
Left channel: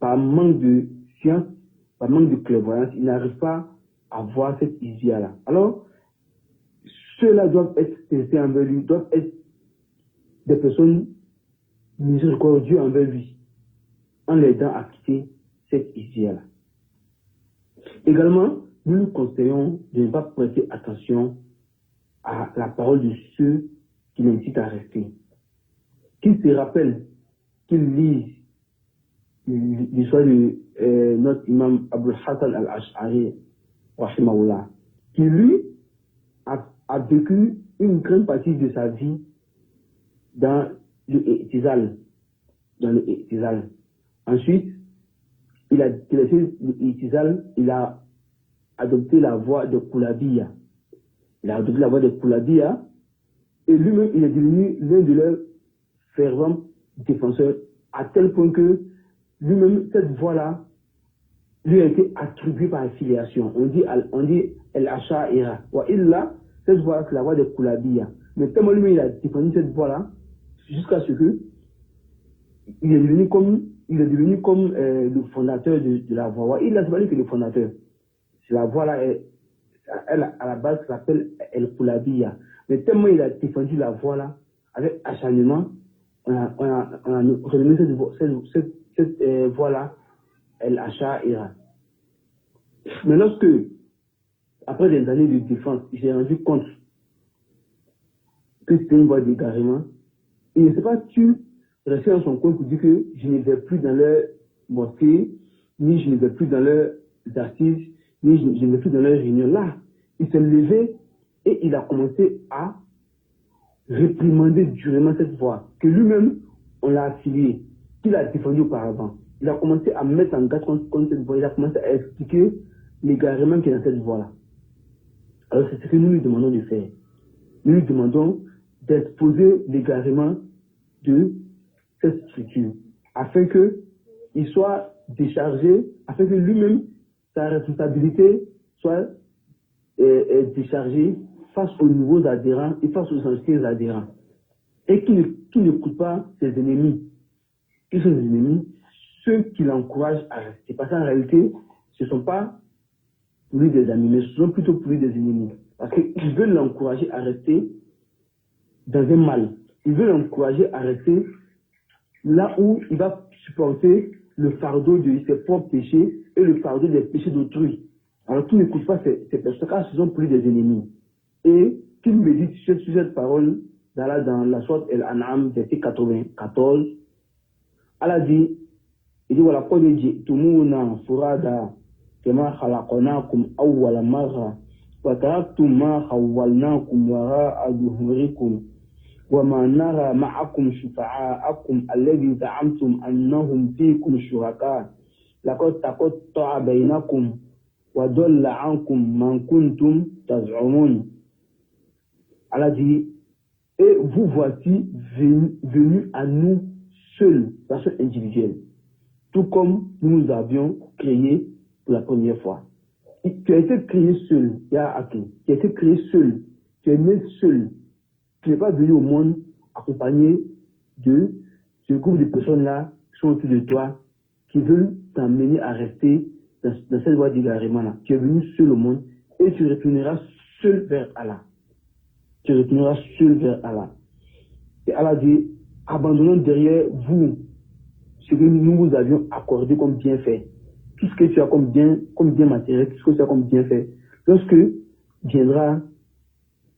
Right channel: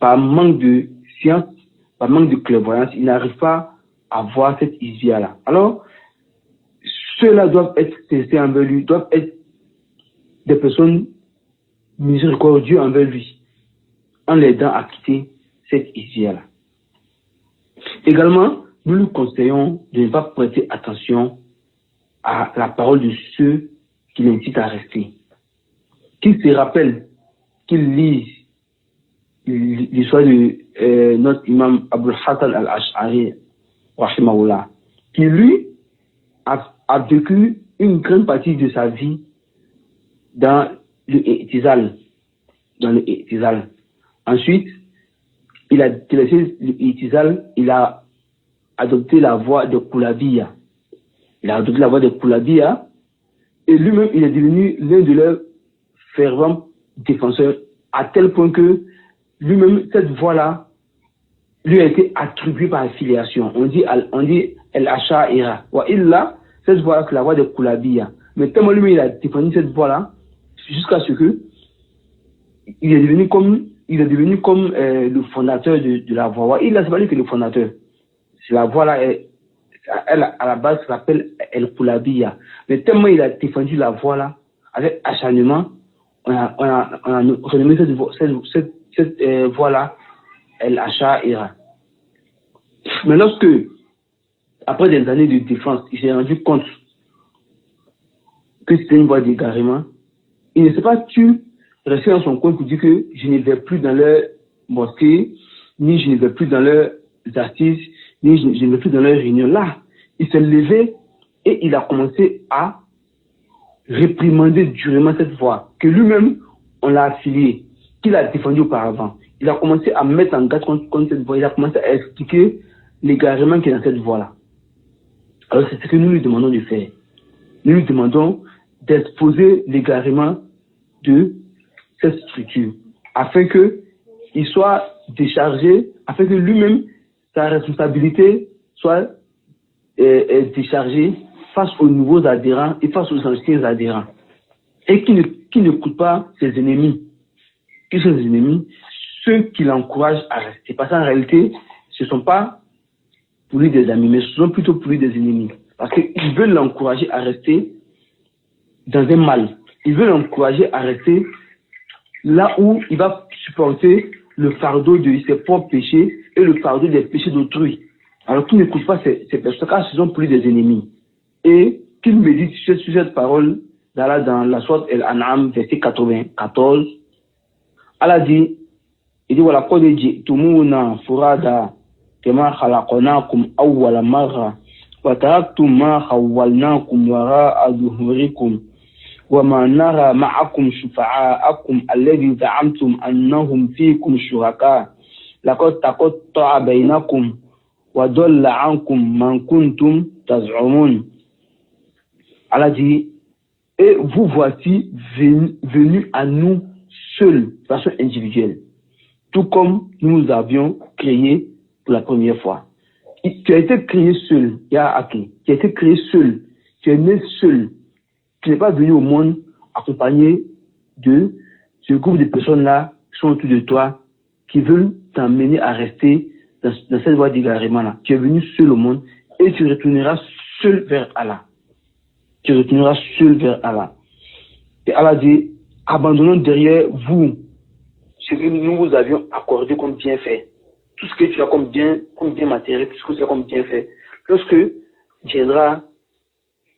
par manque de science, par manque de clairvoyance, il n'arrive pas à voir cette isvia-là. Alors, ceux-là doivent être testés envers lui, doivent être des personnes miséricordieuses envers lui, en l'aidant à quitter cette isvia-là. Également, nous lui conseillons de ne pas prêter attention à la parole de ceux qui l'incitent à rester. Qu'ils se rappellent, qu'ils lisent l'histoire de notre imam Abul Hassan al-Ash'ari, rahimahullah, qui lui a vécu une grande partie de sa vie dans le i'tizal. Ensuite, il a laissé le i'tizal, il a adopté la voie de Koulabiyya. Et lui-même, il est devenu l'un de leurs fervents défenseurs, à tel point que lui-même, cette voie-là, lui a été attribuée par affiliation. On dit El-Asha'ira. Wa illa, cette voie-là, c'est la voie de Koulabiyya. Mais tellement lui, il a défendu cette voie-là, jusqu'à ce que il est devenu comme le fondateur de la voie. Wa illa, c'est pas lui qui est le fondateur. C'est la voie-là, elle, à la base, s'appelle El-Koulabiyya. Mais tellement il a défendu la voie-là, avec acharnement, on a renommé cette voie-là El-Asha'ira. Mais lorsque, après des années de défense, il s'est rendu compte que c'était une voie d'égarement, il ne s'est pas tu rester dans son coin pour dire que je ne vais plus dans leur mosquée, ni je ne vais plus dans leurs assises, ni je ne vais plus dans leurs réunions. Là, il s'est levé et il a commencé à réprimander durement cette voie, que lui-même, on l'a affilié, qu'il a défendu auparavant. Il a commencé à mettre en garde contre cette voie, il a commencé à expliquer l'égarement qui est dans cette voie-là. Alors c'est ce que nous lui demandons de faire. Nous lui demandons d'exposer l'égarement de cette structure, afin qu'il soit déchargé, afin que lui-même, sa responsabilité soit déchargée face aux nouveaux adhérents et face aux anciens adhérents. Et qui ne coûte pas ses ennemis. Qui sont ses ennemis? Ceux qui l'encouragent à rester. Parce qu'en réalité, ce ne sont pas pour lui des amis, mais ce sont plutôt pour lui des ennemis. Parce qu'ils veulent l'encourager à rester dans un mal. Ils veulent l'encourager à rester là où il va supporter le fardeau de ses propres péchés et le fardeau des péchés d'autrui. Alors qu'il n'écoute pas ces personnes, car ce sont pour lui des ennemis. Et qu'il médite sur cette parole d'Allah dans la sourate Al-An'am, verset 94. Allah dit, il dit, voilà, qad ji'tumuna furada kama khalaqnakum awwala marra wa taraktum ma khawwalnakum wara'a zuhurikum wa ma nara ma'akum shufa'akum alladhi za'amtum annahum fiikum shuraka laqad taqatta'a bainakum wa dalla 'ankum man kuntum taz'umun. Allah dit, et vous voici venus à nous seuls, de façon individuelle, tout comme nous avions créé pour la première fois. Tu as été créé seul, Ya Aki. Tu as été créé seul. Tu es né seul. Tu n'es pas venu au monde accompagné de ce groupe de personnes-là qui sont autour de toi, qui veulent t'emmener à rester dans cette voie d'égarement-là. Tu es venu seul au monde et tu retourneras seul vers Allah. Tu retourneras seul vers Allah. Et Allah dit, abandonnons derrière vous ce que nous vous avions accordé comme bienfait. Tout ce que tu as comme bien matériel, tout ce que tu as comme bienfait. Lorsque viendra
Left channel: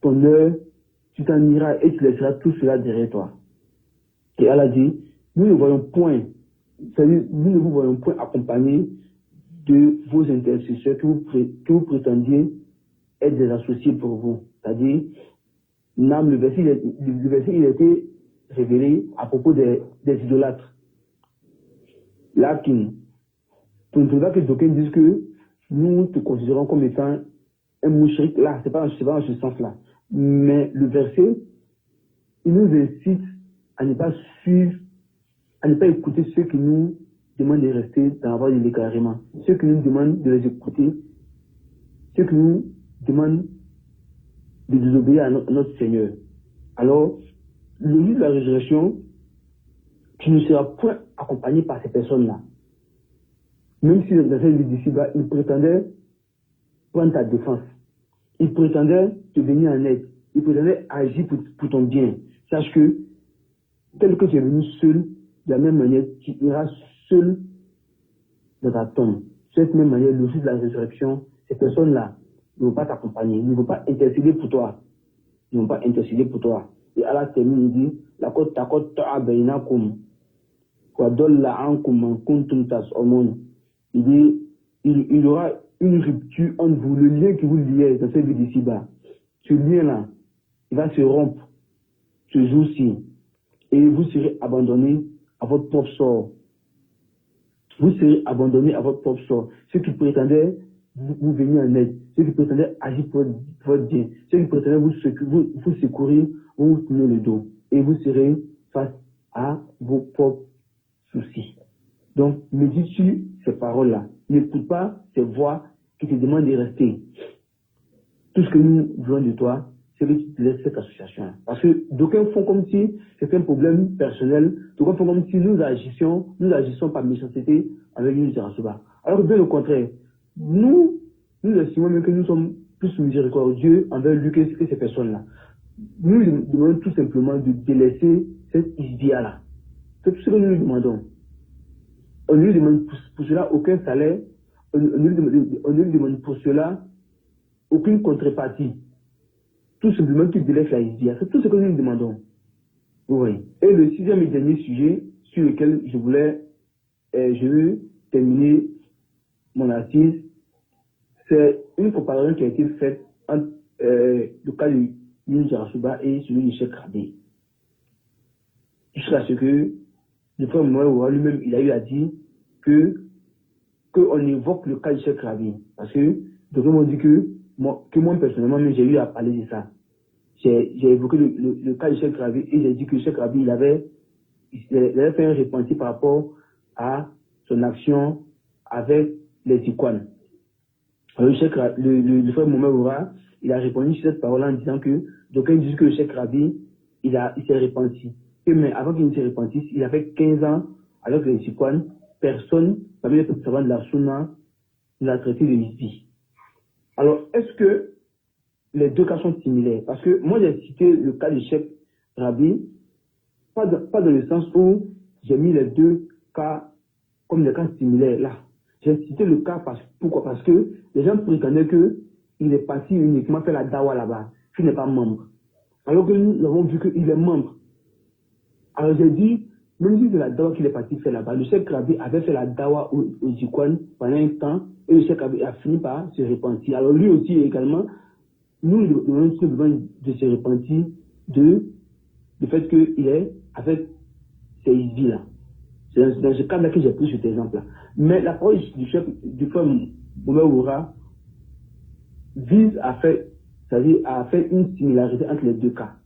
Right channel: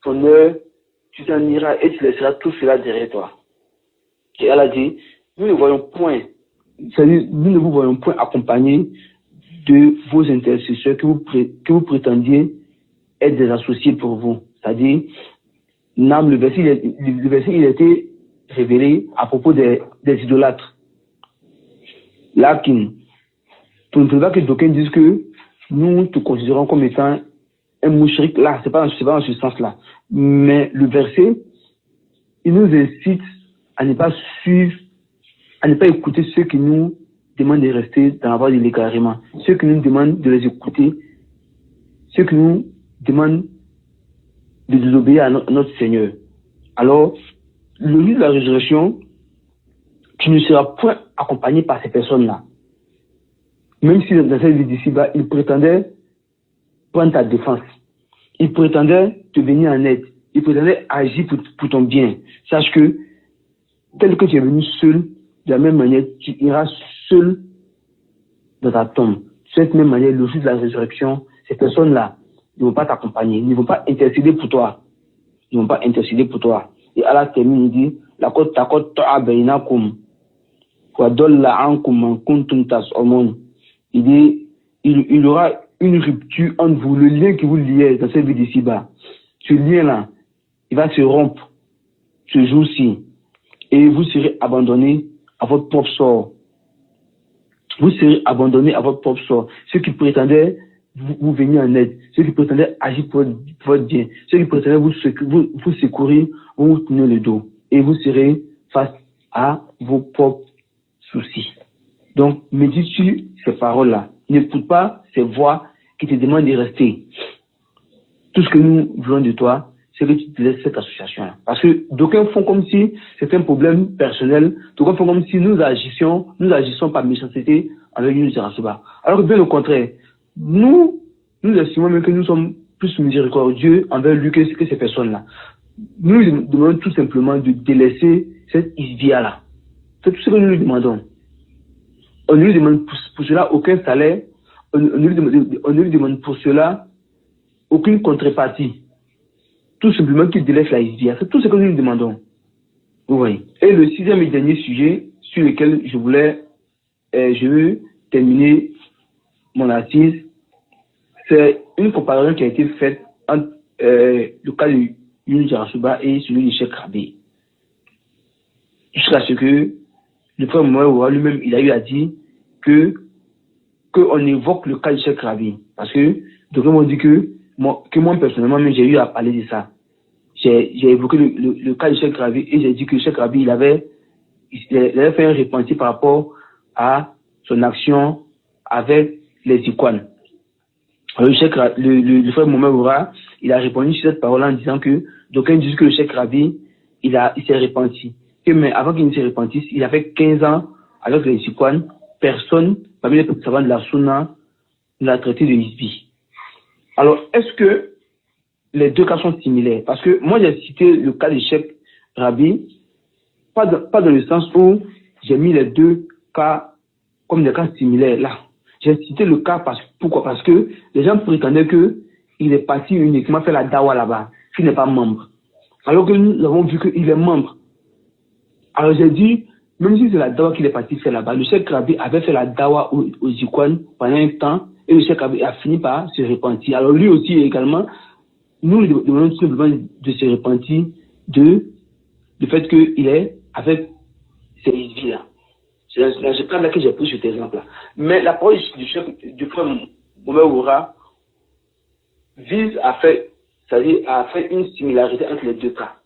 ton heure, tu t'en iras et tu laisseras tout cela derrière toi. Et Allah dit, nous ne voyons point, c'est-à-dire nous ne vous voyons point accompagné de vos intercesseurs que vous prétendiez être des associés pour vous. C'est-à-dire, le verset il a été révélé à propos des idolâtres. Lakin, tu ne trouves pas que d'aucuns disent que nous te considérons comme étant un mouchrik. Là, c'est pas dans ce sens-là. Mais le verset, il nous incite à ne pas suivre, à ne pas écouter ceux qui nous demandent de rester dans la voie de l'égarement, ceux qui nous demandent de les écouter, ceux qui nous demandent de désobéir à notre Seigneur. Alors, le jour de la résurrection, tu ne seras point accompagné par ces personnes-là. Même si dans cette vie d'ici-bas, ils prétendaient prendre ta défense. Ils prétendaient te venir en aide. Ils prétendaient agir pour ton bien. Sache que, tel que tu es venu seul, de la même manière, tu iras seul dans ta tombe. De cette même manière, le jour de la résurrection, ces personnes-là ne vont pas t'accompagner, ils ne vont pas intercéder pour toi. Ils ne vont pas intercéder pour toi. Et Allah termine, il dit, laqad taqatta'a bainakum wa dalla 'ankum man kuntum tas'umun. il y aura une rupture entre vous, le lien qui vous liait dans cette vie d'ici-bas. Ce lien-là, il va se rompre ce jour-ci et vous serez abandonné à votre propre sort. Vous serez abandonné à votre propre sort. Ceux qui prétendaient vous venir en aide, ceux qui prétendaient agir pour votre bien, ceux qui prétendaient vous secourir, vont vous tourner le dos et vous serez face à vos propres soucis. Donc, médite sur ces paroles-là. N'écoute pas ces voix qui te demandent de rester. Tout ce que nous voulons de toi, c'est que tu te laisses cette association-là. Parce que d'aucuns font comme si c'est un problème personnel, d'aucuns font comme si nous agissons par méchanceté avec Yunus Yarasuba. Alors que bien au contraire, nous estimons même que nous sommes plus miséricordieux envers lui que ces personnes-là. Nous lui demandons tout simplement de délaisser cette isbia-là. C'est tout ce que nous lui demandons. On ne lui demande pour cela aucun salaire, on ne lui demande pour cela aucune contrepartie. Tout simplement qu'il délaisse la isbia. C'est tout ce que nous lui demandons. Vous voyez. Et le sixième et dernier sujet sur lequel je veux terminer mon assise, c'est une comparaison qui a été faite entre le cas de Yunus Yarasuba et celui de Cheikh Rabi. Jusqu'à ce que le frère Mohamed lui-même, il a eu à dire qu'on évoque le cas de Cheikh Rabi. Parce que, donc, on dit que moi personnellement, j'ai eu à parler de ça. J'ai évoqué le cas de Cheikh Rabi et j'ai dit que Cheikh Rabi, il avait fait un repenti par rapport à son action avec les icônes. Alors, le frère Mohamed Oura, il a répondu sur cette parole en disant que d'aucuns disent que le Cheikh Rabi, il s'est repenti. Mais avant qu'il ne se repentisse, il a fait 15 ans avec les icônes. Personne, parmi les savants de la Sunna, ne l'a traité de Hizbi. Alors, est-ce que les deux cas sont similaires? Parce que moi, j'ai cité le cas de Cheikh Rabi, pas dans le sens où j'ai mis les deux cas comme des cas similaires là. J'ai cité le cas pourquoi? Parce que les gens prétendaient qu'il est parti uniquement faire la dawa là-bas, qu'il n'est pas membre. Alors que nous avons vu qu'il est membre. Alors j'ai dit, même si c'est la dawa qu'il est parti faire là-bas, le Cheikh Rabi avait fait la dawa aux icônes pendant un temps et le Cheikh Rabi a fini par se repentir. Alors lui aussi également, nous lui demandons tout simplement de se repentir du fait qu'il est avec ces Hizbi-là. C'est dans ce cas-là que j'ai pris cet exemple-là. Mais l'approche du frère Mohamed Oura vise à faire une similarité entre les deux cas.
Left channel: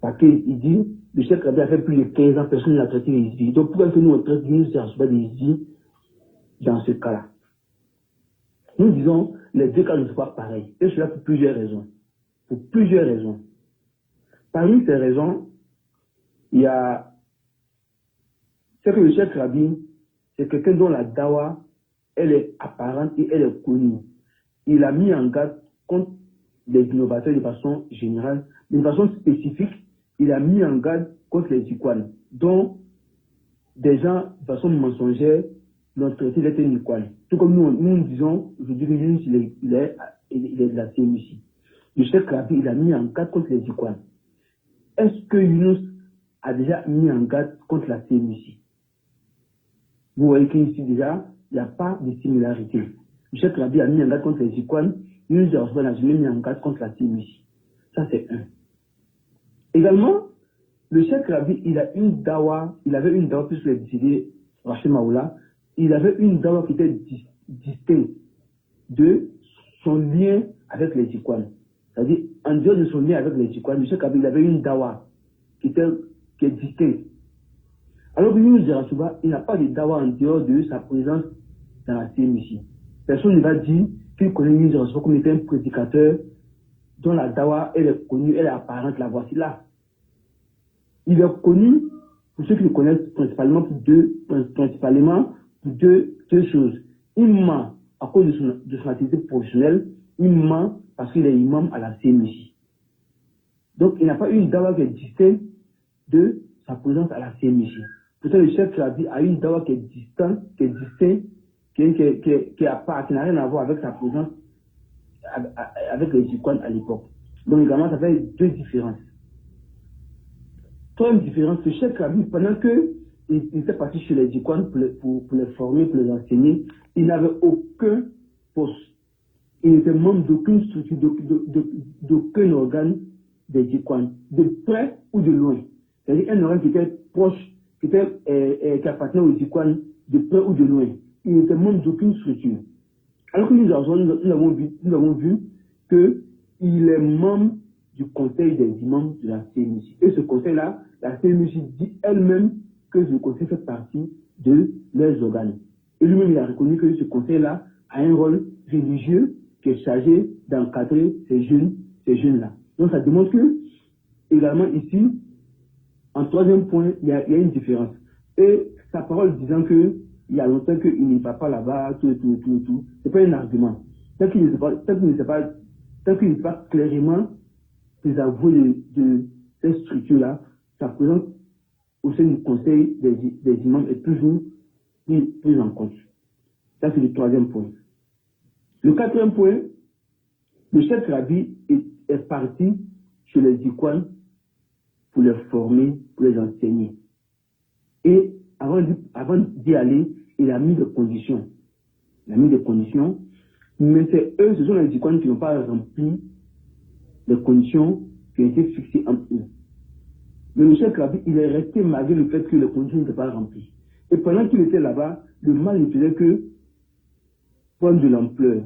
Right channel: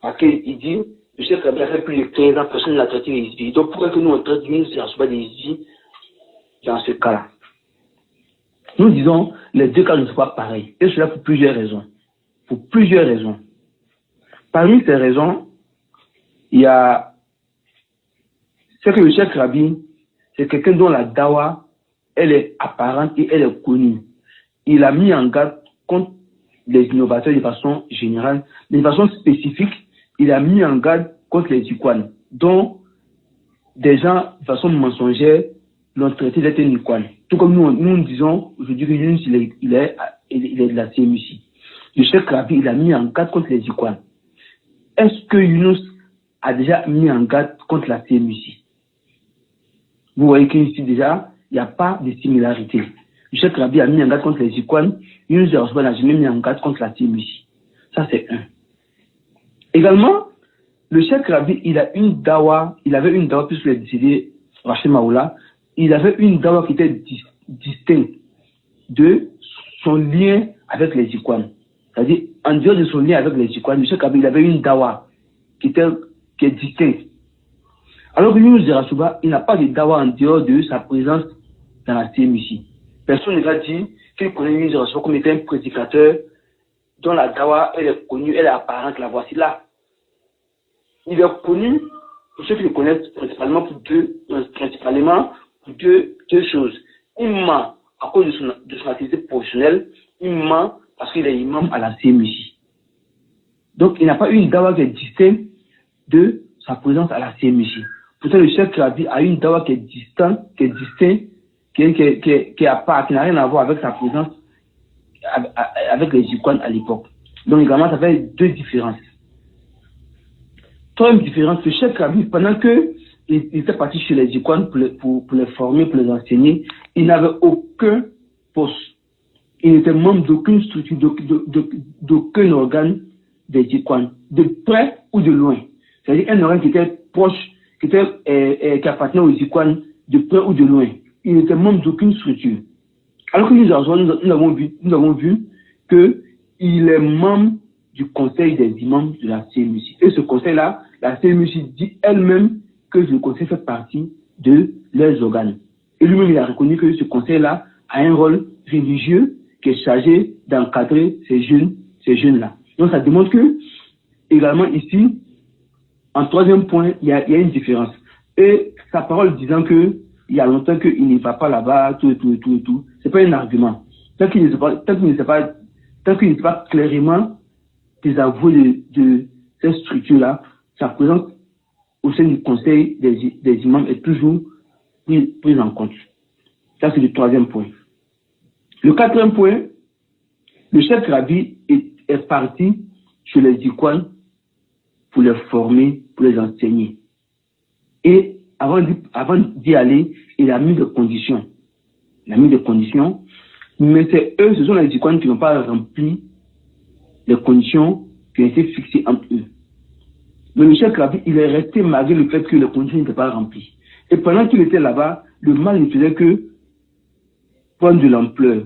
Parce qu'il dit, le Cheikh Rabi a fait plus de 15 ans, personne ne l'a traité des Hizbi. Donc pourquoi que nous on traite Yunus Yarasuba des Hizbi dans ce cas-là? Nous disons, les deux cas ne sont pas pareils. Et cela pour plusieurs raisons. Parmi ces raisons, il y a c'est que le Cheikh Rabi, c'est quelqu'un dont la dawa, elle est apparente et elle est connue. Il a mis en garde contre les innovateurs de façon générale, mais de façon spécifique, il a mis en garde contre les icônes, dont des gens, de façon mensongère, l'ont traité d'être un icône. Tout comme nous disons aujourd'hui que Yunus, il est de la CMUC. Le Cheikh Rabi, il a mis en garde contre les icônes. Est-ce que Yunus a déjà mis en garde contre la CMUC? Vous voyez qu'ici déjà, il n'y a pas de similarité. Le Cheikh Rabi a mis en garde contre les icônes, Yunus Yarasuba n'a jamais mis en garde contre la CMUC. Ça, c'est un. Également, le Cheikh Rabi, il avait une dawa, puisqu'il est décédé, Rachid Maoula, il avait une dawa qui était distincte de son lien avec les icônes. C'est-à-dire, en dehors de son lien avec les icônes, le Cheikh Rabi, il avait une dawa qui est distincte. Alors que Yunus Yarasuba, il n'a pas de dawa en dehors de sa présence dans la CMUC. Personne ne va dire qu'il connaît Yunus Yarasuba comme étant un prédicateur dont la dawa, elle est connue, elle est apparente, la voici là. Il est connu, pour ceux qui le connaissent, principalement pour deux choses. Il ment à cause de son activité professionnelle, il ment parce qu'il est imam à la CMUC. Donc il n'a pas une dawa qui est distincte de sa présence à la CMUC. Pourtant, le Cheikh Rabi a une dawa qui est distincte, qui n'a rien à voir avec sa présence avec les icônes à l'époque. Donc, également, ça fait deux différences. Troisième différence, le Cheikh Rabi, pendant que il était parti chez les Jikwan pour les former, pour les enseigner. Il n'avait aucun poste. Il n'était membre d'aucune structure, d'aucun organe des Jikwan, de près ou de loin. C'est-à-dire un organe qui était proche, qui appartenait aux Jikwan, de près ou de loin. Il n'était membre d'aucune structure. Alors que nous avons vu qu'il est membre du conseil des imams de la CMUC. Et ce conseil-là, la CMUC dit elle-même que ce conseil fait partie de leurs organes. Et lui-même, il a reconnu que ce conseil-là a un rôle religieux qui est chargé d'encadrer ces jeunes-là. Donc ça démontre que, également ici, en troisième point, il y a une différence. Et sa parole disant que il y a longtemps qu'il ne va pas là-bas, tout, c'est pas un argument. Tant qu'il ne sait pas clairement désavoué de cette structure-là, sa présence au sein du conseil des imams est toujours prise en compte. Ça, c'est le troisième point. Le quatrième point, le chef Rabi est parti chez les Jikwan pour les former, pour les enseigner. Et avant d'y aller, il a mis des conditions. Mais ce sont les Jikwan qui n'ont pas rempli les conditions qui ont été fixées entre eux. Mais le chef Rabi, il est resté malgré le fait que les conditions n'étaient pas remplies. Et pendant qu'il était là-bas, le mal ne faisait que prendre de l'ampleur.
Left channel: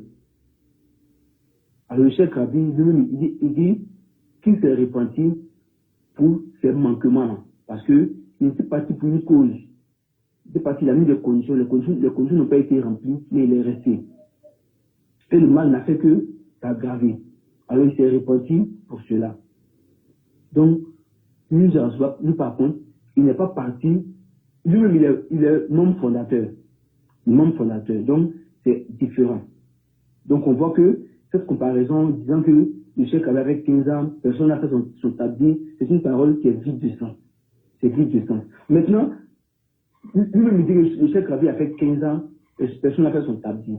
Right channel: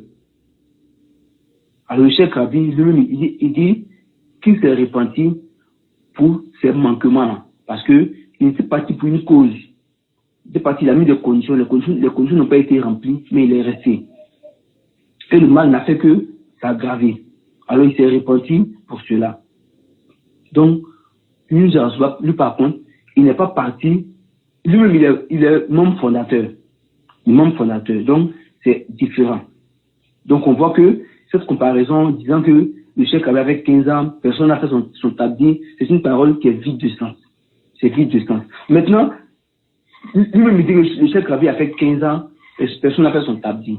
Alors le chef Rabi, lui-même, il dit qu'il s'est repenti pour ces manquements-là. Parce qu'il était parti pour une cause. Il était parti, il a mis des conditions. Les conditions n'ont pas été remplies, mais il est resté. Et le mal n'a fait que s'aggraver. Alors il s'est repenti pour cela. Donc, lui par contre, il n'est pas parti. Lui-même, il est membre fondateur. Donc, c'est différent. Donc, on voit que cette comparaison disant que le chef avait avec 15 ans, personne n'a fait son tabdi, c'est une parole qui est vide de sens. C'est vide de sens. Maintenant, lui-même il dit que le chef avait fait 15 ans, personne n'a fait son tabdi.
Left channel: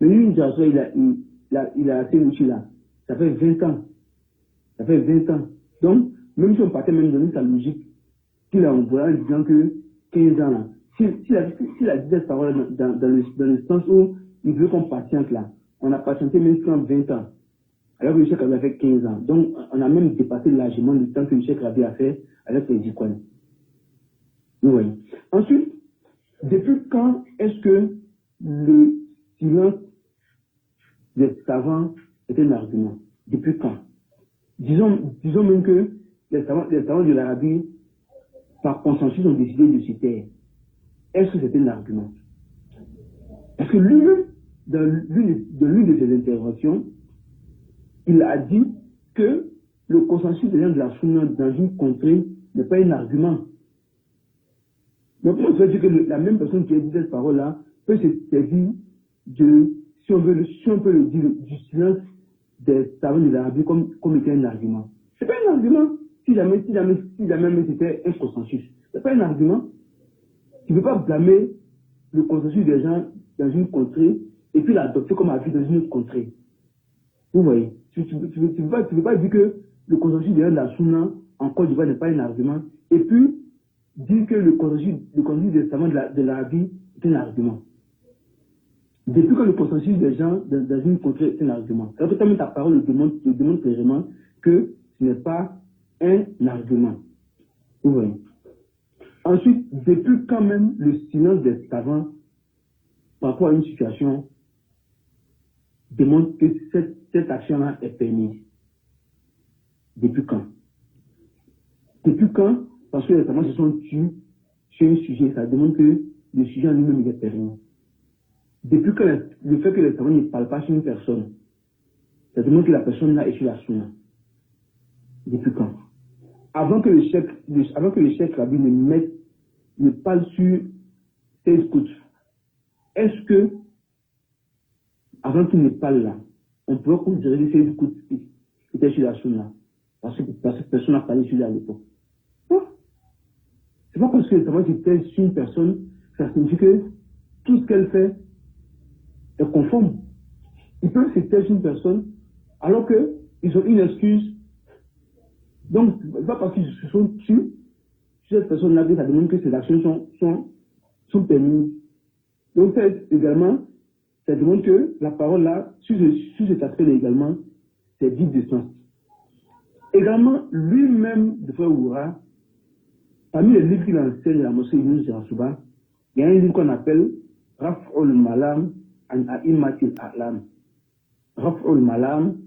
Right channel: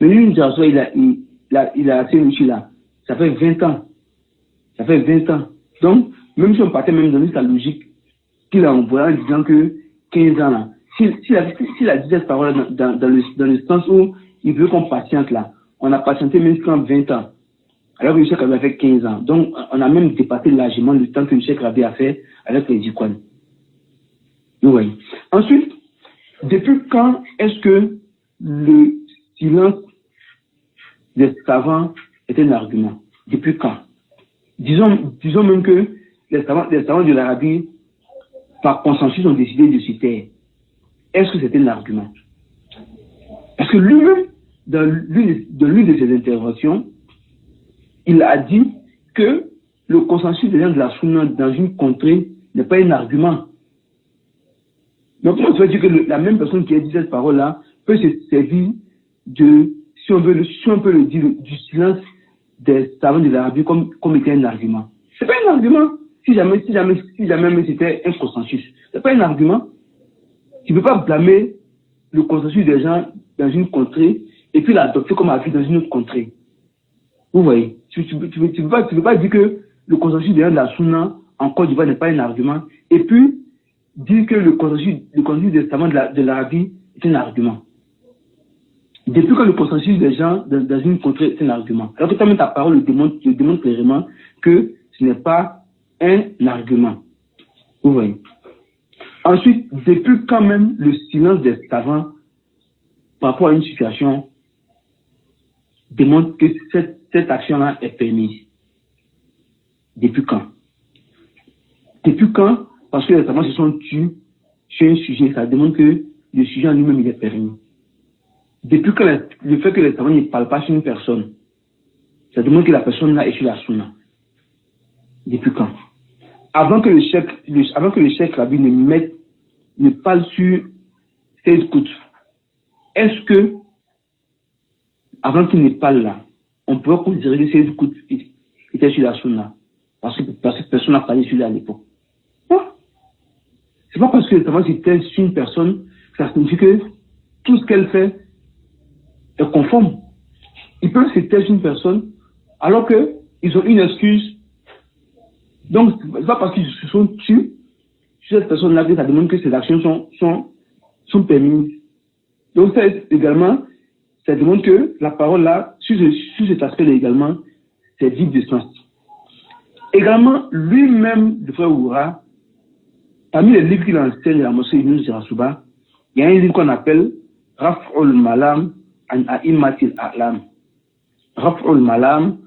Mais lui, il a assez monsieur là. Ça fait 20 ans. Donc, même si on partait même dans sa logique, qu'il a envoyé en disant que 15 ans là, s'il a dit cette parole dans le sens où il veut qu'on patiente là, on a patienté même jusqu'en 20 ans. Alors que le chef avait fait 15 ans. Donc, on a même dépassé largement le temps que le chef avait fait avec les Jikwan. Oui. Ensuite, depuis quand est-ce que le silence des savants est un argument? Depuis quand? Disons même que les savants de l'Arabie, par consensus, ont décidé de se taire. Est-ce que c'est un argument? Parce que lui-même, dans l'une de ses interventions, il a dit que le consensus des gens de la Sunna dans une contrée n'est pas un argument. Donc, on veut dire que la même personne qui a dit cette parole-là peut se servir si on peut le dire, du silence des savants de l'Arabie comme étant un argument. C'est pas un argument. Si jamais c'était un consensus, c'est pas un argument. Tu ne peux pas blâmer le consensus des gens dans une contrée et puis l'adopter comme avis dans une autre contrée. Vous voyez, tu ne peux pas dire que le consensus des gens de la Sunna en Côte d'Ivoire n'est pas un argument et puis dire que le consensus des savants de l'Arabie est un argument. Depuis que le consensus des gens dans une contrée est un argument. Alors que ta parole le démontre clairement que ce n'est pas un argument. Vous voyez. Ensuite, depuis quand même le silence des savants par rapport à une situation démontre que cette action-là est permise. Depuis quand? Depuis quand? Parce que les savants se sont tués sur un sujet, ça démontre que le sujet en lui-même il est permis. Depuis que le fait que les savants ne parlent pas sur une personne, ça démontre que la personne là est sur la sunna. Depuis quand? Avant que le chef Rabi ne parle sur ses écoutes, est-ce que, avant qu'il ne parle là, on peut considérer que ses écoutes étaient sur la sunna? Parce que personne n'a parlé sur lui à l'époque. Non. C'est pas parce que les savants étaient sur une personne que ça signifie que tout ce qu'elle fait est conforme. Ils peuvent se taire sur une personne alors qu'ils ont une excuse. Donc, c'est pas parce qu'ils se sont tués sur cette personne-là que ça demande que ses actions sont permises. Donc, ça également, ça demande que la parole-là, sur cet aspect-là également, c'est vide de sens. Également, lui-même, le frère Oura, parmi les livres qu'il enseigne à la mosquée Yunus Jarasuba, il y a un livre qu'on appelle Raf'ul Malam an A'immatil A'lam. Raf'ul Malam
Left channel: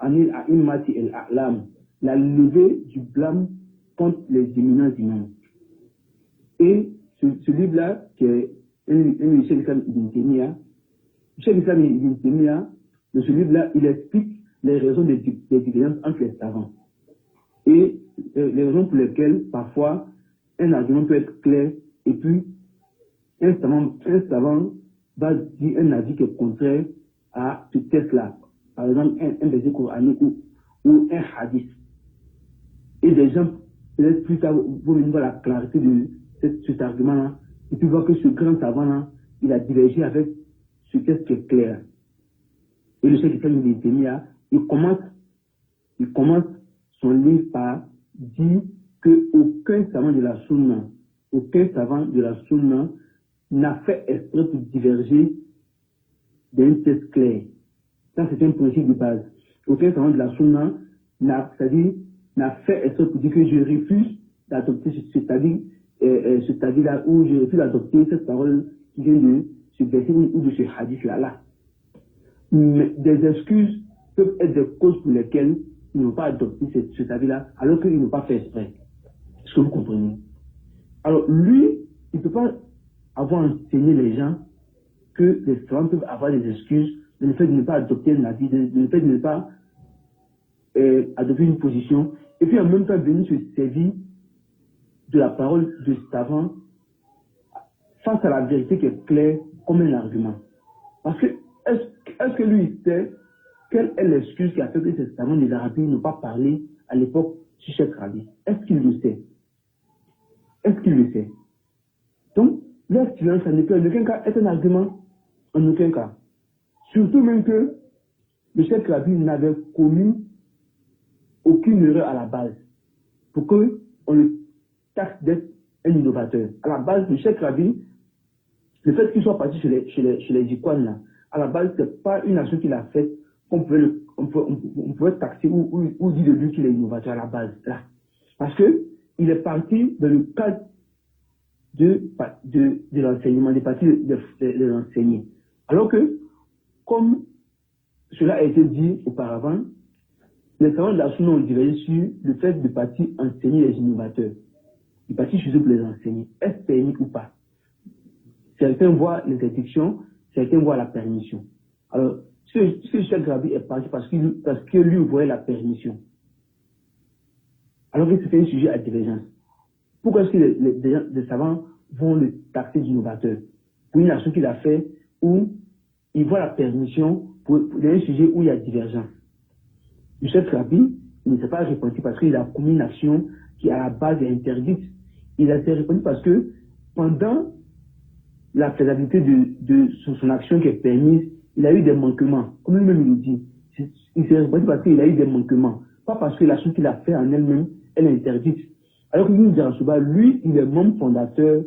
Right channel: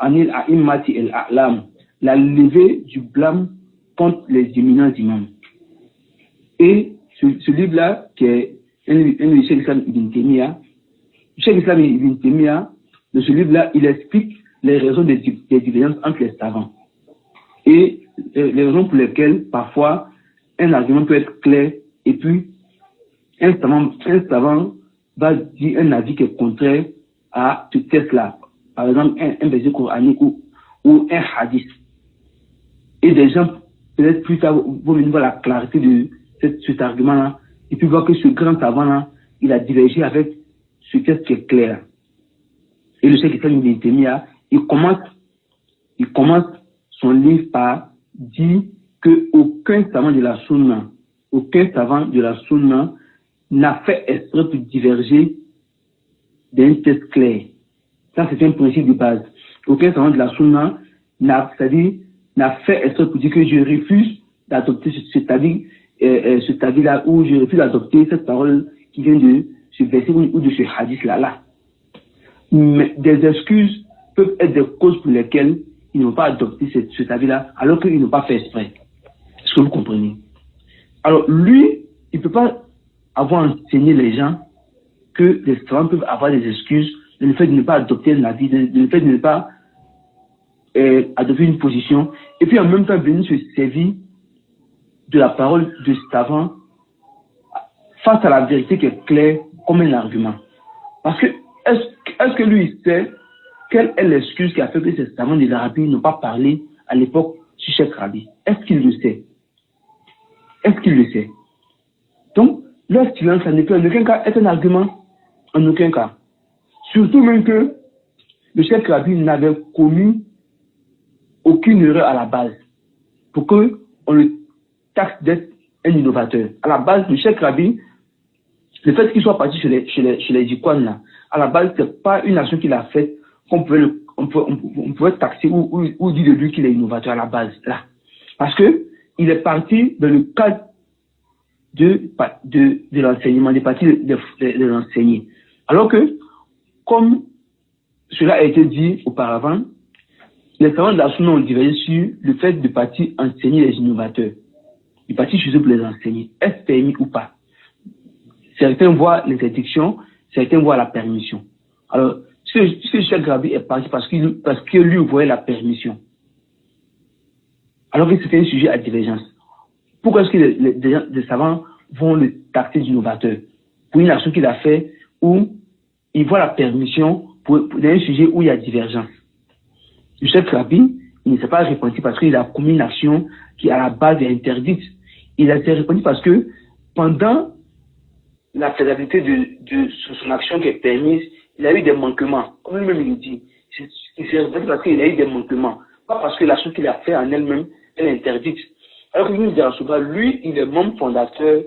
anil A'immatil A'lam. La levée du blâme contre les éminents imams. Et ce livre-là, qui est un livre de Cheikh Islam Ibn Taymiyyah, Cheikh Islam Ibn Taymiyyah, dans ce livre-là, il explique les raisons des divergences entre les savants. Et les raisons pour lesquelles, parfois, un argument peut être clair, et puis, un savant va dire un avis qui est contraire à ce texte-là. Par exemple, un verset coranique ou un hadith. Et des gens, peut-être plus tard, vont venir voir la clarté de cet argument-là, et puis voir que ce grand savant-là, il a divergé avec ce texte qui est clair. Et le Cheikh Islam Ibn Taymiyyah, il commence son livre par dire qu'aucun savant de la Sunna n'a fait exprès pour diverger d'un texte clair. Ça, c'est un principe de base. Aucun savant de la Sunna n'a fait exprès pour dire que je refuse d'adopter cet avis-là, ou je refuse d'adopter cette parole qui vient de ce verset ou de ce hadith-là. Mais des excuses peuvent être des causes pour lesquelles ils n'ont pas adopté cet avis-là, alors qu'ils n'ont pas fait exprès. Est-ce que vous comprenez? Alors, lui, il ne peut pas avoir enseigné les gens que les savants peuvent avoir des excuses de le fait de ne pas adopter un avis, de le fait de ne pas adopter une position, et puis en même temps venir se servir de la parole de savant face à la vérité qui est claire comme un argument. Parce que, est-ce que lui, il sait quelle est l'excuse qui a fait que ces savants de l'Arabie n'ont pas parlé à l'époque sur Cheikh Rabi? Est-ce qu'il le sait? Donc, leur silence, ça ne peut en aucun cas être un argument. En aucun cas. Surtout même que le Cheikh Rabi n'avait commis aucune erreur à la base pour qu'on le taxe d'être un innovateur. À la base, le Cheikh Rabi, le fait qu'il soit parti chez les Jikwan, là, à la base, ce n'est pas une action qu'il a faite qu'on pouvait taxer ou dire de lui qu'il est innovateur à la base. Là. Parce qu'il est parti dans le cadre de l'enseignement, des parties de l'enseigner. Alors que, comme cela a été dit auparavant, les savants de la Sunna ont divergé sur le fait de partir enseigner les innovateurs. De partir chez eux pour les enseigner. Est-ce permis ou pas? Certains voient l'interdiction, certains voient la permission. Alors, ce Cheikh Rabi est parti parce que lui voyait la permission. Alors que c'était un sujet à divergence. Pourquoi est-ce que les savants vont le taxer d'innovateur? Pour une action qu'il a fait où il voit la permission pour un sujet où il y a divergence. Le Cheikh Rabi, il ne s'est pas répandu parce qu'il a commis une action qui à la base est interdite. Il a été répandu parce que pendant la faisabilité de son action qui est permise, il a eu des manquements. Comme lui-même il dit, il s'est répandu parce qu'il a eu des manquements. Pas parce que l'action qu'il a fait en elle-même, elle est interdite. Alors que Yunus Jarasuba, lui, il est membre fondateur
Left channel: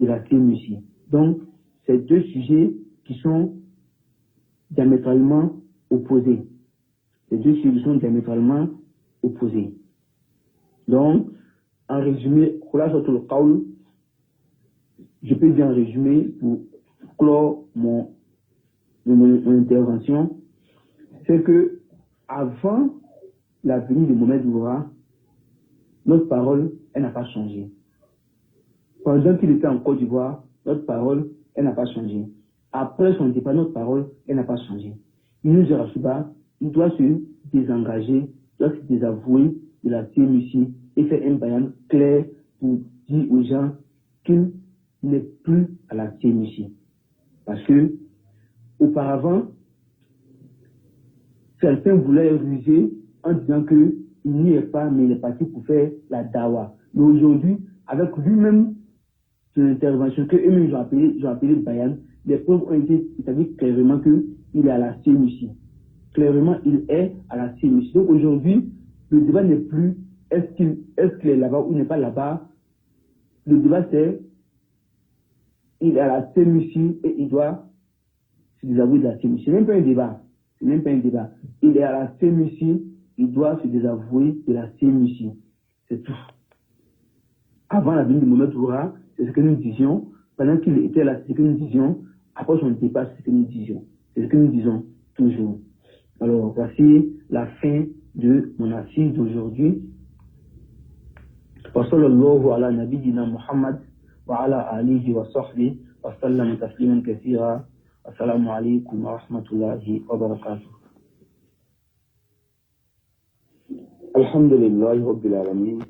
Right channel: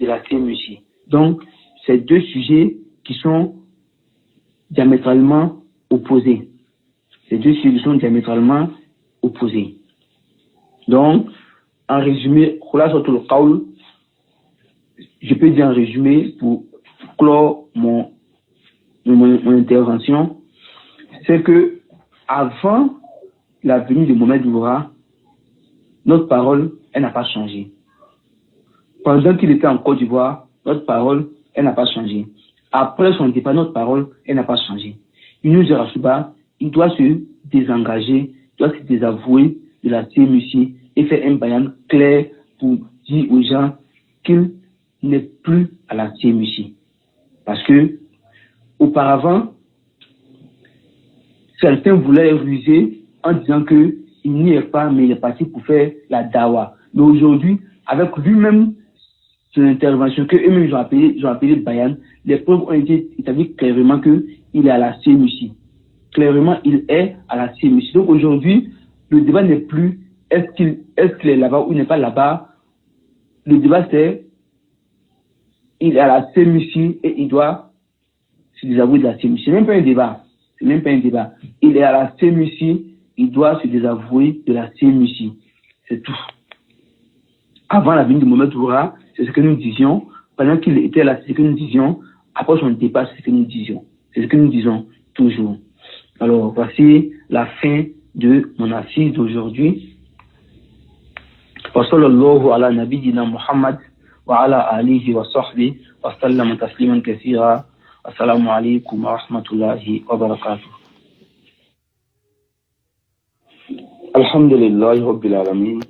de la CMUC. Donc, c'est deux sujets qui sont diamétralement opposés. Ces deux sujets sont diamétralement opposés. Donc, en résumé, je peux dire en résumé, pour clore mon intervention, c'est que avant la venue de Mohamed Oura, notre parole, elle n'a pas changé. Pendant qu'il était en Côte d'Ivoire, notre parole, elle n'a pas changé. Après son départ, notre parole, elle n'a pas changé. Yunus Jarasuba, il doit se désengager, il doit se désavouer de la CMUC et faire un bayan clair pour dire aux gens qu'il n'est plus à la CMUC. Parce que, auparavant, certains voulaient ruser en disant qu'il n'y est pas, mais il est parti pour faire la dawa. Mais aujourd'hui, avec lui-même, son intervention, que eux-mêmes ils ont appelé Bayan, les preuves ont été établies clairement qu'il est à la CMUC. Clairement, il est à la CMUC. Donc aujourd'hui, le débat n'est plus est-ce qu'il est là-bas ou n'est pas là-bas. Le débat, c'est il est à la sémucie et il doit se désavouer de la sémucie. C'est même pas un débat. C'est même pas un débat. Il est à la sémucie, il doit se désavouer de la sémucie. C'est tout. Avant la venue de Mohamed Oura, c'est ce que nous disions. Pendant qu'il était là, c'est ce que nous disions. Après son départ, c'est ce que nous disions. C'est ce que nous disons toujours. Alors, voici la fin de mon assise d'aujourd'hui. Wa sallallahu ala nabiyyina Muhammad wa ala alihi wa sahbihi wa sallam tasliman kathira. Assalamu alaikum wa rahmatullahi wa barakatuh. Alhamdulillahi rabbil alamin.